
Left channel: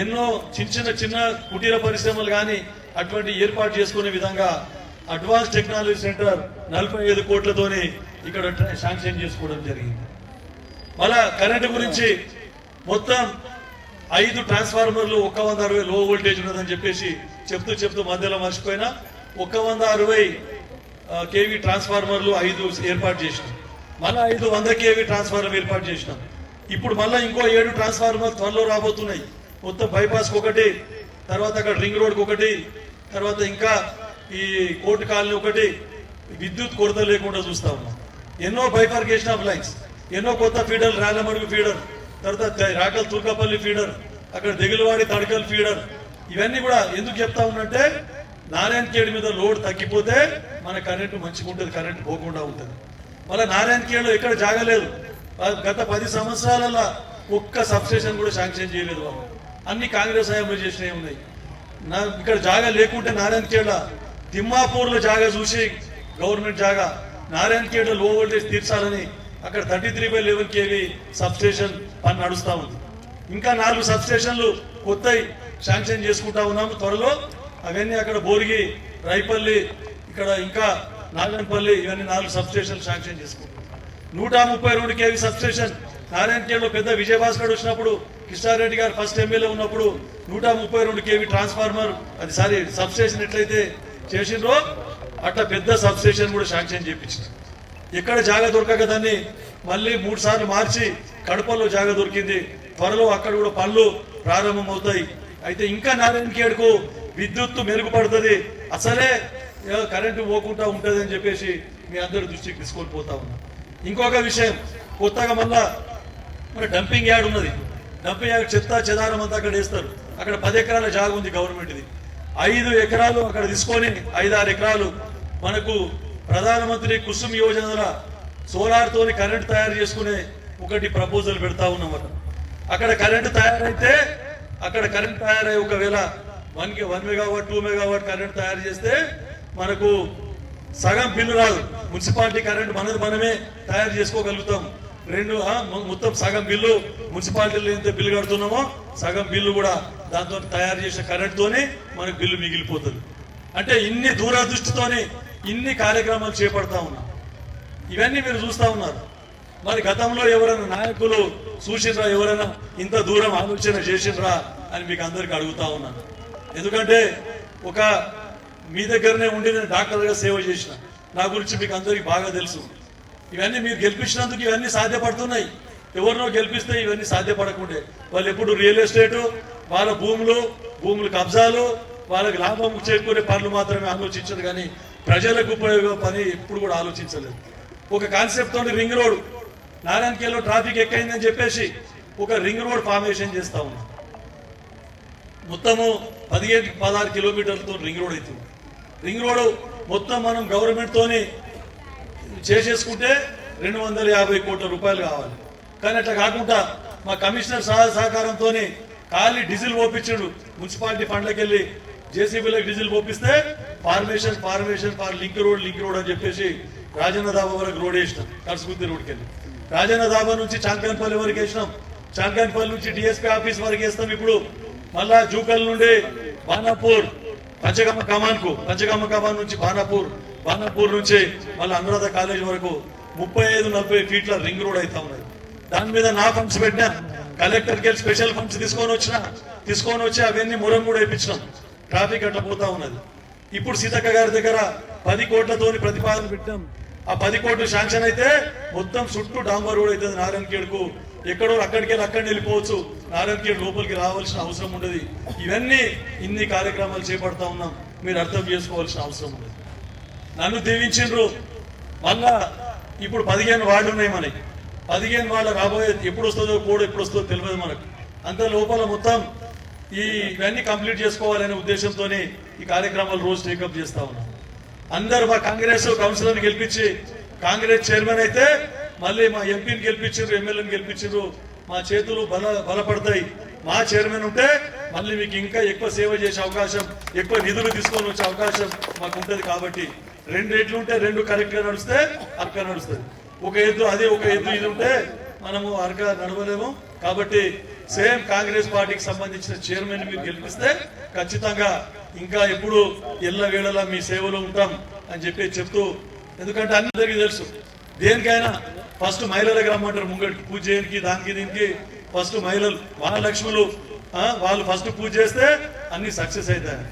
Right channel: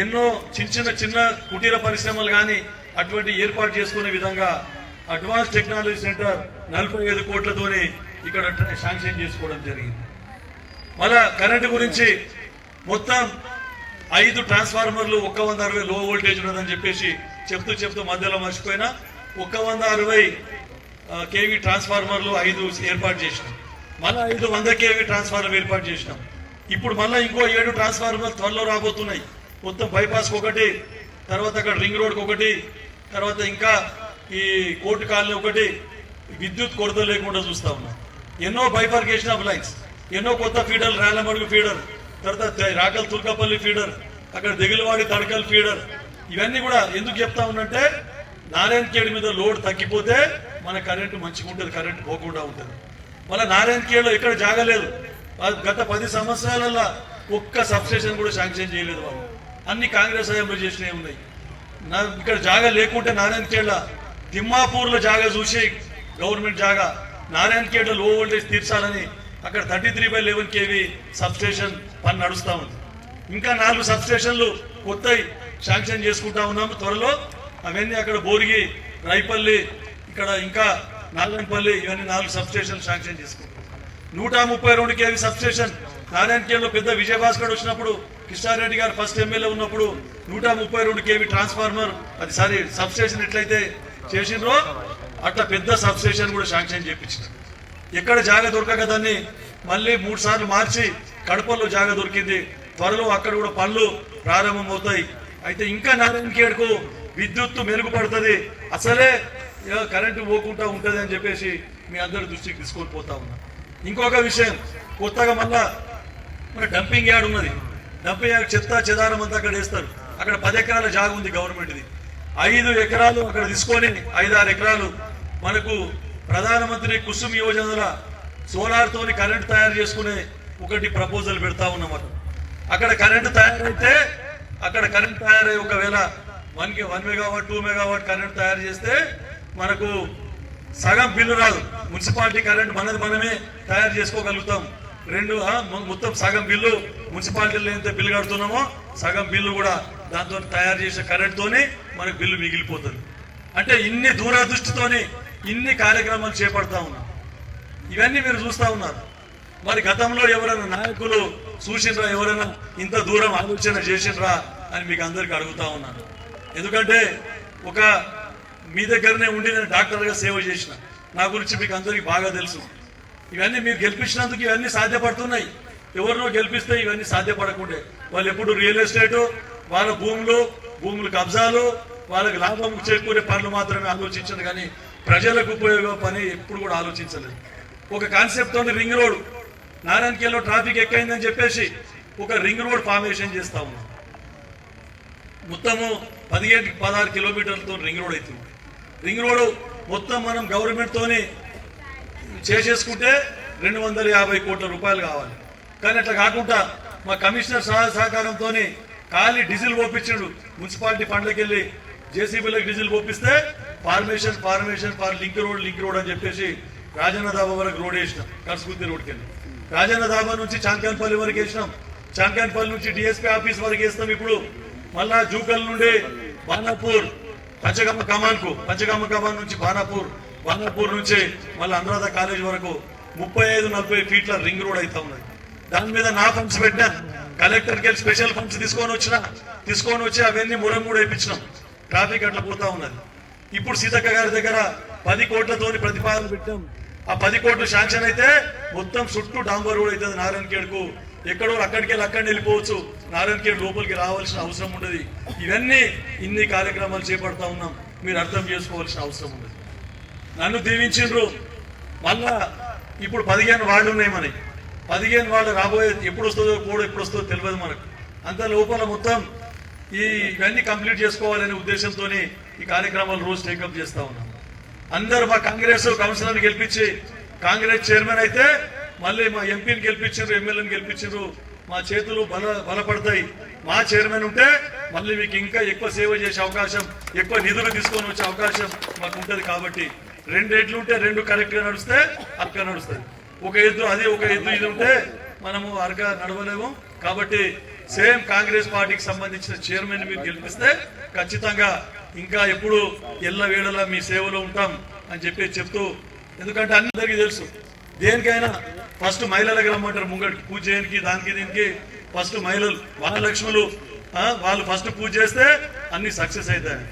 ఎన్నో చిన్న కుటీర పరిశ్రమలు కానీ అటువంటి ఏర్పాటు చేసుకునే విధంగా అడ్వాన్స్ టెక్నాలజీ సెంటర్ 45 కోట్లతోని ఇక్కడ శాంక్షన్ చేసుకోవడం జరిగింది. మళ్ళా కరెంటు గురించి మొత్తం 5 ట్రాన్స్ఫార్మర్లు 160 లో వోల్టేజ్ ఉన్నదని చెప్పేసి చెప్తూ మధ్యలో మర్చిపోయినా 160 kV ట్రాన్స్ఫార్మర్లు 5 ఏర్పాటు చేసినాం. మళ్ళా 500 kV ట్రాన్స్ఫార్మర్ ఏర్పాటు చేసినాం. ఇప్పుడు మళ్ళా ఇంకో 7 ట్రాన్స్ఫార్మర్ త్వరలో రాబోతున్నాయి. మొత్తం బైపాస్ ఒకటి, తర్వాత అక్కడ రింగ్ రోడ్ ఒకటి, తర్వాత ఇంకా ఈ కోర్టు కాలనీ ఒకటి. విద్యుత్ కొరత లేకుండా చూస్తా ఉన్నాం. ఎన్నో బైఫర్కేషన్ ఆఫ్ లైన్స్, ఎన్నో కొత్త ఫీడర్, రాలమడుగు ఫీడర్, తర్వాత రాకల్ తుర్కపల్లి ఫీడర్, అక్కడ దిగులవాడి తడకల్ ఫీడర్. ఇవన్నీ కూడా ఎందుకు చెప్తా ఉన్నంటే నారాయణ ఖేడ్ మీద లోడ్ తగ్గిపోతే మన కరెంటు మంచిగా ఉంటుంది, కరెంటు పోకుండా ఉంటుంది. మళ్ళీ నారాయణ ఖేడ్లో ఎక్కడ జాగలేదు. గత 10 సంవత్సరాలలో ఒక్క సబ్స్టేషన్ కూడా శాంక్షన్ చేయలేదు వాళ్ళు. అన్ని కాంగ్రెస్ హయాంలో చేసినవి ఉన్నాయి. ఇక్కడ జాగా లేకుంటే నారాయణ ఖేడ్ల తిమ్మాపూర్లో జాగా చూసి గవర్నమెంట్ జాగా నారాయణ ఖేడ్లో లో వోల్టేజ్ తీర్చాలని అక్కడ 33/11 kV సబ్స్టేషన్ పని నడుస్తా ఉంది. ఇంకా 4 సబ్స్టేషన్లు కొత్తవి శాంక్షన్ చేసుకుంటా ఉన్నాము త్వరలో. అవన్నీ అక్కడ బోరిగి, రైపల్లి, ఇక్కడ ఇంకా నాగన్పల్లి, ఇవన్నీ 4 సబ్స్టేషన్లు శాంక్షన్ చేసుకుంటాం. 132 kV సబ్స్టేషన్ నారాయణ ఖేడ్లో పెద్ద విజయభాస్కర్ వచ్చినప్పుడు, కిషారెడ్డి గారు ఫస్ట్ ఎమ్మెల్యే ఉన్నప్పుడు 132 kV ట్రాన్స్ఫార్మర్ అది సబ్స్టేషన్ ఎట్లయితే చేసిండ్రో అట్లా పెద్ద సబ్స్టేషన్ కూడా శాంక్షన్ చేయించిన. ఎక్కడ జాగా దొరకక దాన్ని మళ్ళీ 3 సార్లు మార్చి కడపల్లో జాగా దొరికింది. త్వరలో అక్కడ కూడా పనులు ప్రారంభమవుతాయి. అయితే ఇంకా నారాయణఖేడ్కు విద్యుత్తు మెరుగుపడుతుంది, అసలే కరెంటు పోకుండా ఉంటుంది అని చెప్పేసి మీ అందరి దృష్టికి తీసుకొని పోతా ఉన్నా. ఇంకొక విషయం, కొత్తగా మళ్ళా మన డంపింగ్ యార్డ్ ఉన్నది. డంపింగ్ యార్డ్ చెత్త చెదారం అంతా అక్కడ వేస్తారు. అక్కడ 10 ఎకరాల జాగా ఉంది గవర్నమెంట్ది. 5 ఎకరాలు అక్కడ తీసుకొని 5-6 ఎకరాలు మనకు ప్రధానమంత్రి కుసుమ్ యోజనల సోలార్ తోని కరెంట్ తయారు చేసుకునే ఒకటి ప్రపోజల్ పెడతా ఉన్నాం. అక్కడ కరెంటు తయారైతే ఒకవేళ 1 మెగావాట్ 2 మెగావాట్ కరెంట్ తయారు చేస్తే మనకు సగం బిల్లు రాదు. మున్సిపాలిటీ కరెంట్ మనమే తయారు చేసుకోగలుగుతాం. మొత్తం సగం బిల్లు మున్సిపాలిటీలో ఎంత బిల్లు కడుతున్నామో సగం బిల్లు కూడా దాంతో తయారు చేసే కరెంట్ తోని మనకు బిల్లు మిగిలిపోతుంది. అంటే ఇన్ని దూరదృష్టితోని ఇన్ని కార్యక్రమాలు చేపడతా ఉన్నాం. ఇవన్నీ మీరు చూస్తా ఉన్నారు. మరి గతంలో ఎవరైనా నాయకులు చూసినరా, ఎవరైనా ఇంత దూరం ఆలోచన చేసినరా అని మీకు అందరికి అడుగుతా ఉన్నాను. ఎందుకంటే మీ దగ్గరనే ఉండి నేను డాక్టర్గా సేవ చేసిన, నా గురించి మీకు అందరికి బాగా తెలుసు. ఇవన్నీ మీరు గెలిపించినందుకు ఇవన్నీ సాధ్యపడుతున్నాయి. ఎవరినో గెలిపిస్తే ఇవన్నీ సాధ్యపడకుండే. వాళ్ళు ఎప్పుడు రియల్ ఎస్టేట్, వాళ్ళ భూములు కబ్జాలు, వాళ్ళకి లాభం చేకూరే పనులు మాత్రమే ఆలోచించదు, కానీ ప్రజలకు ఉపయోగ పని ఎప్పుడు కూడా ఆలోచించలేదు. ఒక కాన్సెప్ట్ తోటి రింగ్ రోడ్, నారాయణఖేడ్లో ట్రాఫిక్ ఎక్కువైందని చెప్పేసి ఒక రింగ్ రోడ్ ఫార్మేషన్ చేస్తా ఉన్నాం. మొత్తము 15-16 కిలోమీటర్లతో రింగ్ రోడ్ అవుతుంది. రింగ్ రోడ్ మొత్తం మనం గవర్నమెంట్ తోని చేసేసుకుంటే 250 కోట్ల రూపాయలు కావాలి. కానీ అట్లా కాకుండా మా కమిషనర్ సహకారంతో ఖాళీ డీజిల్ పోపించాడు. మున్సిపాలిటీ ఫండ్లోకి వెళ్ళి జేసీబీలకు డీజిల్ పోపిస్తే ఫార్మేషన్ ఫార్ లింక్ రోడ్ అని చెప్పేసి రాజన్న దాబా వరకు రోడ్ వేసినాం. కలసగుత్తి రోడ్కి వెళ్ళి రాజన్న దాబా నుంచి చాంకాన్పల్లి వరకు వేసినాం. చాంకాన్పల్లి నుంచి డిఎస్పీ ఆఫీస్ వరకు వేస్తాం. ఇప్పుడు మళ్ళా జూకల్ నుండి బాణాపూర్ పంచగమ్మ కమాన్ నుంచి బాణాపూర్ నుంచి మళ్ళీ అనురాధ కాలేజ్ వరకు 35-40 ఫీట్ల రింగ్ రోడ్ అవుతా ఉన్నది. దాని మీద నా ఫండ్స్ పెట్టినా, కలెక్టర్కి వెళ్ళి స్పెషల్ ఫండ్స్ తీసుకొని వచ్చి అవన్నీ మురం కూడా వేయించినాం. ట్రాఫిక్ అట్లా పోతా ఉన్నది. ఇప్పుడు సీతక్క గారి దగ్గర 10 కోట్లతోని ప్రతిపాదన పెట్టాం. ఆ 10 కోట్లు శాంక్షన్ అయితే మొత్తం చుట్టూ డాంబర్ రోడ్ అవుతుంది. నారాయణఖేడ్కు ఎక్కడో అక్కడికి వెళ్ళిపోవచ్చు. నారాయణఖేడ్ లోపలికి రావాల్సిన అవసరం ఉండదు. ఇన్ని కార్యక్రమాలు చేపడతా ఉన్నాం. మీరు అర్థం చేసుకోవాల్సిన అవసరం ఉండదు. నన్ను దీవించిండ్రు. మళ్ళా ఇప్పుడు 15 వార్డు ఉన్నాయి మనకి. 15 వార్డు రాబోయే ఎప్పుడు వస్తుందో తెలియదు మనకు. అంత లోపల మొత్తం ఇవన్నీ కంప్లీట్ చేసుకోవాలనే ఉద్దేశంతో ఈ కార్యక్రమాలు రోజు టేకప్ చేస్తా ఉన్నాం. అందరూ మా కాంగ్రెస్ కౌన్సిలర్ని గెలిపించి కాంగ్రెస్ చైర్మన్ అయితే మళ్ళీ మా ఎంపీని గెలిపించారు, ఎమ్మెల్యేని గెలిపించారు. మా చేతులు బలపడతాయి. మా చైర్మన్ ఉంటే మళ్ళీ మీకు ఇంకా ఎక్కువ సేవ చేసే అవకాశం, ఎక్కువ నిధులు తీసుకొని వచ్చే అవకాశం మాకు ఉంటుంది. కాబట్టి 2 ఎడ్లు ఉంటే 2 కరెక్ట్ గా నడిస్తే అరక నడుస్తుంది. ఒక ఎద్దు ఇది ఉంటే మనము అరక నడవలేము. కాబట్టి సేమ్ కాంగ్రెస్ పార్టీకి సంబంధించిన చైర్మన్ మీరు గెలిపిస్తే ఖచ్చితంగా ఇంకా ఎప్పుడు ఎల్లవేళలా మీ సేవలో ఉంటాం అని చెప్తూ, ఎందుకంటే అందరికీ తెలుసు దేనికైనా ఫస్ట్ మహిళలకు రమ్మంటారు. ముంగడికి పూజ చేయడానికి దీనికి ఫస్ట్ మహిళలు మహాలక్ష్ములు వాళ్ళు ఫస్ట్ పూజ చేస్తే అన్ని సక్సెస్ అవుతాయి.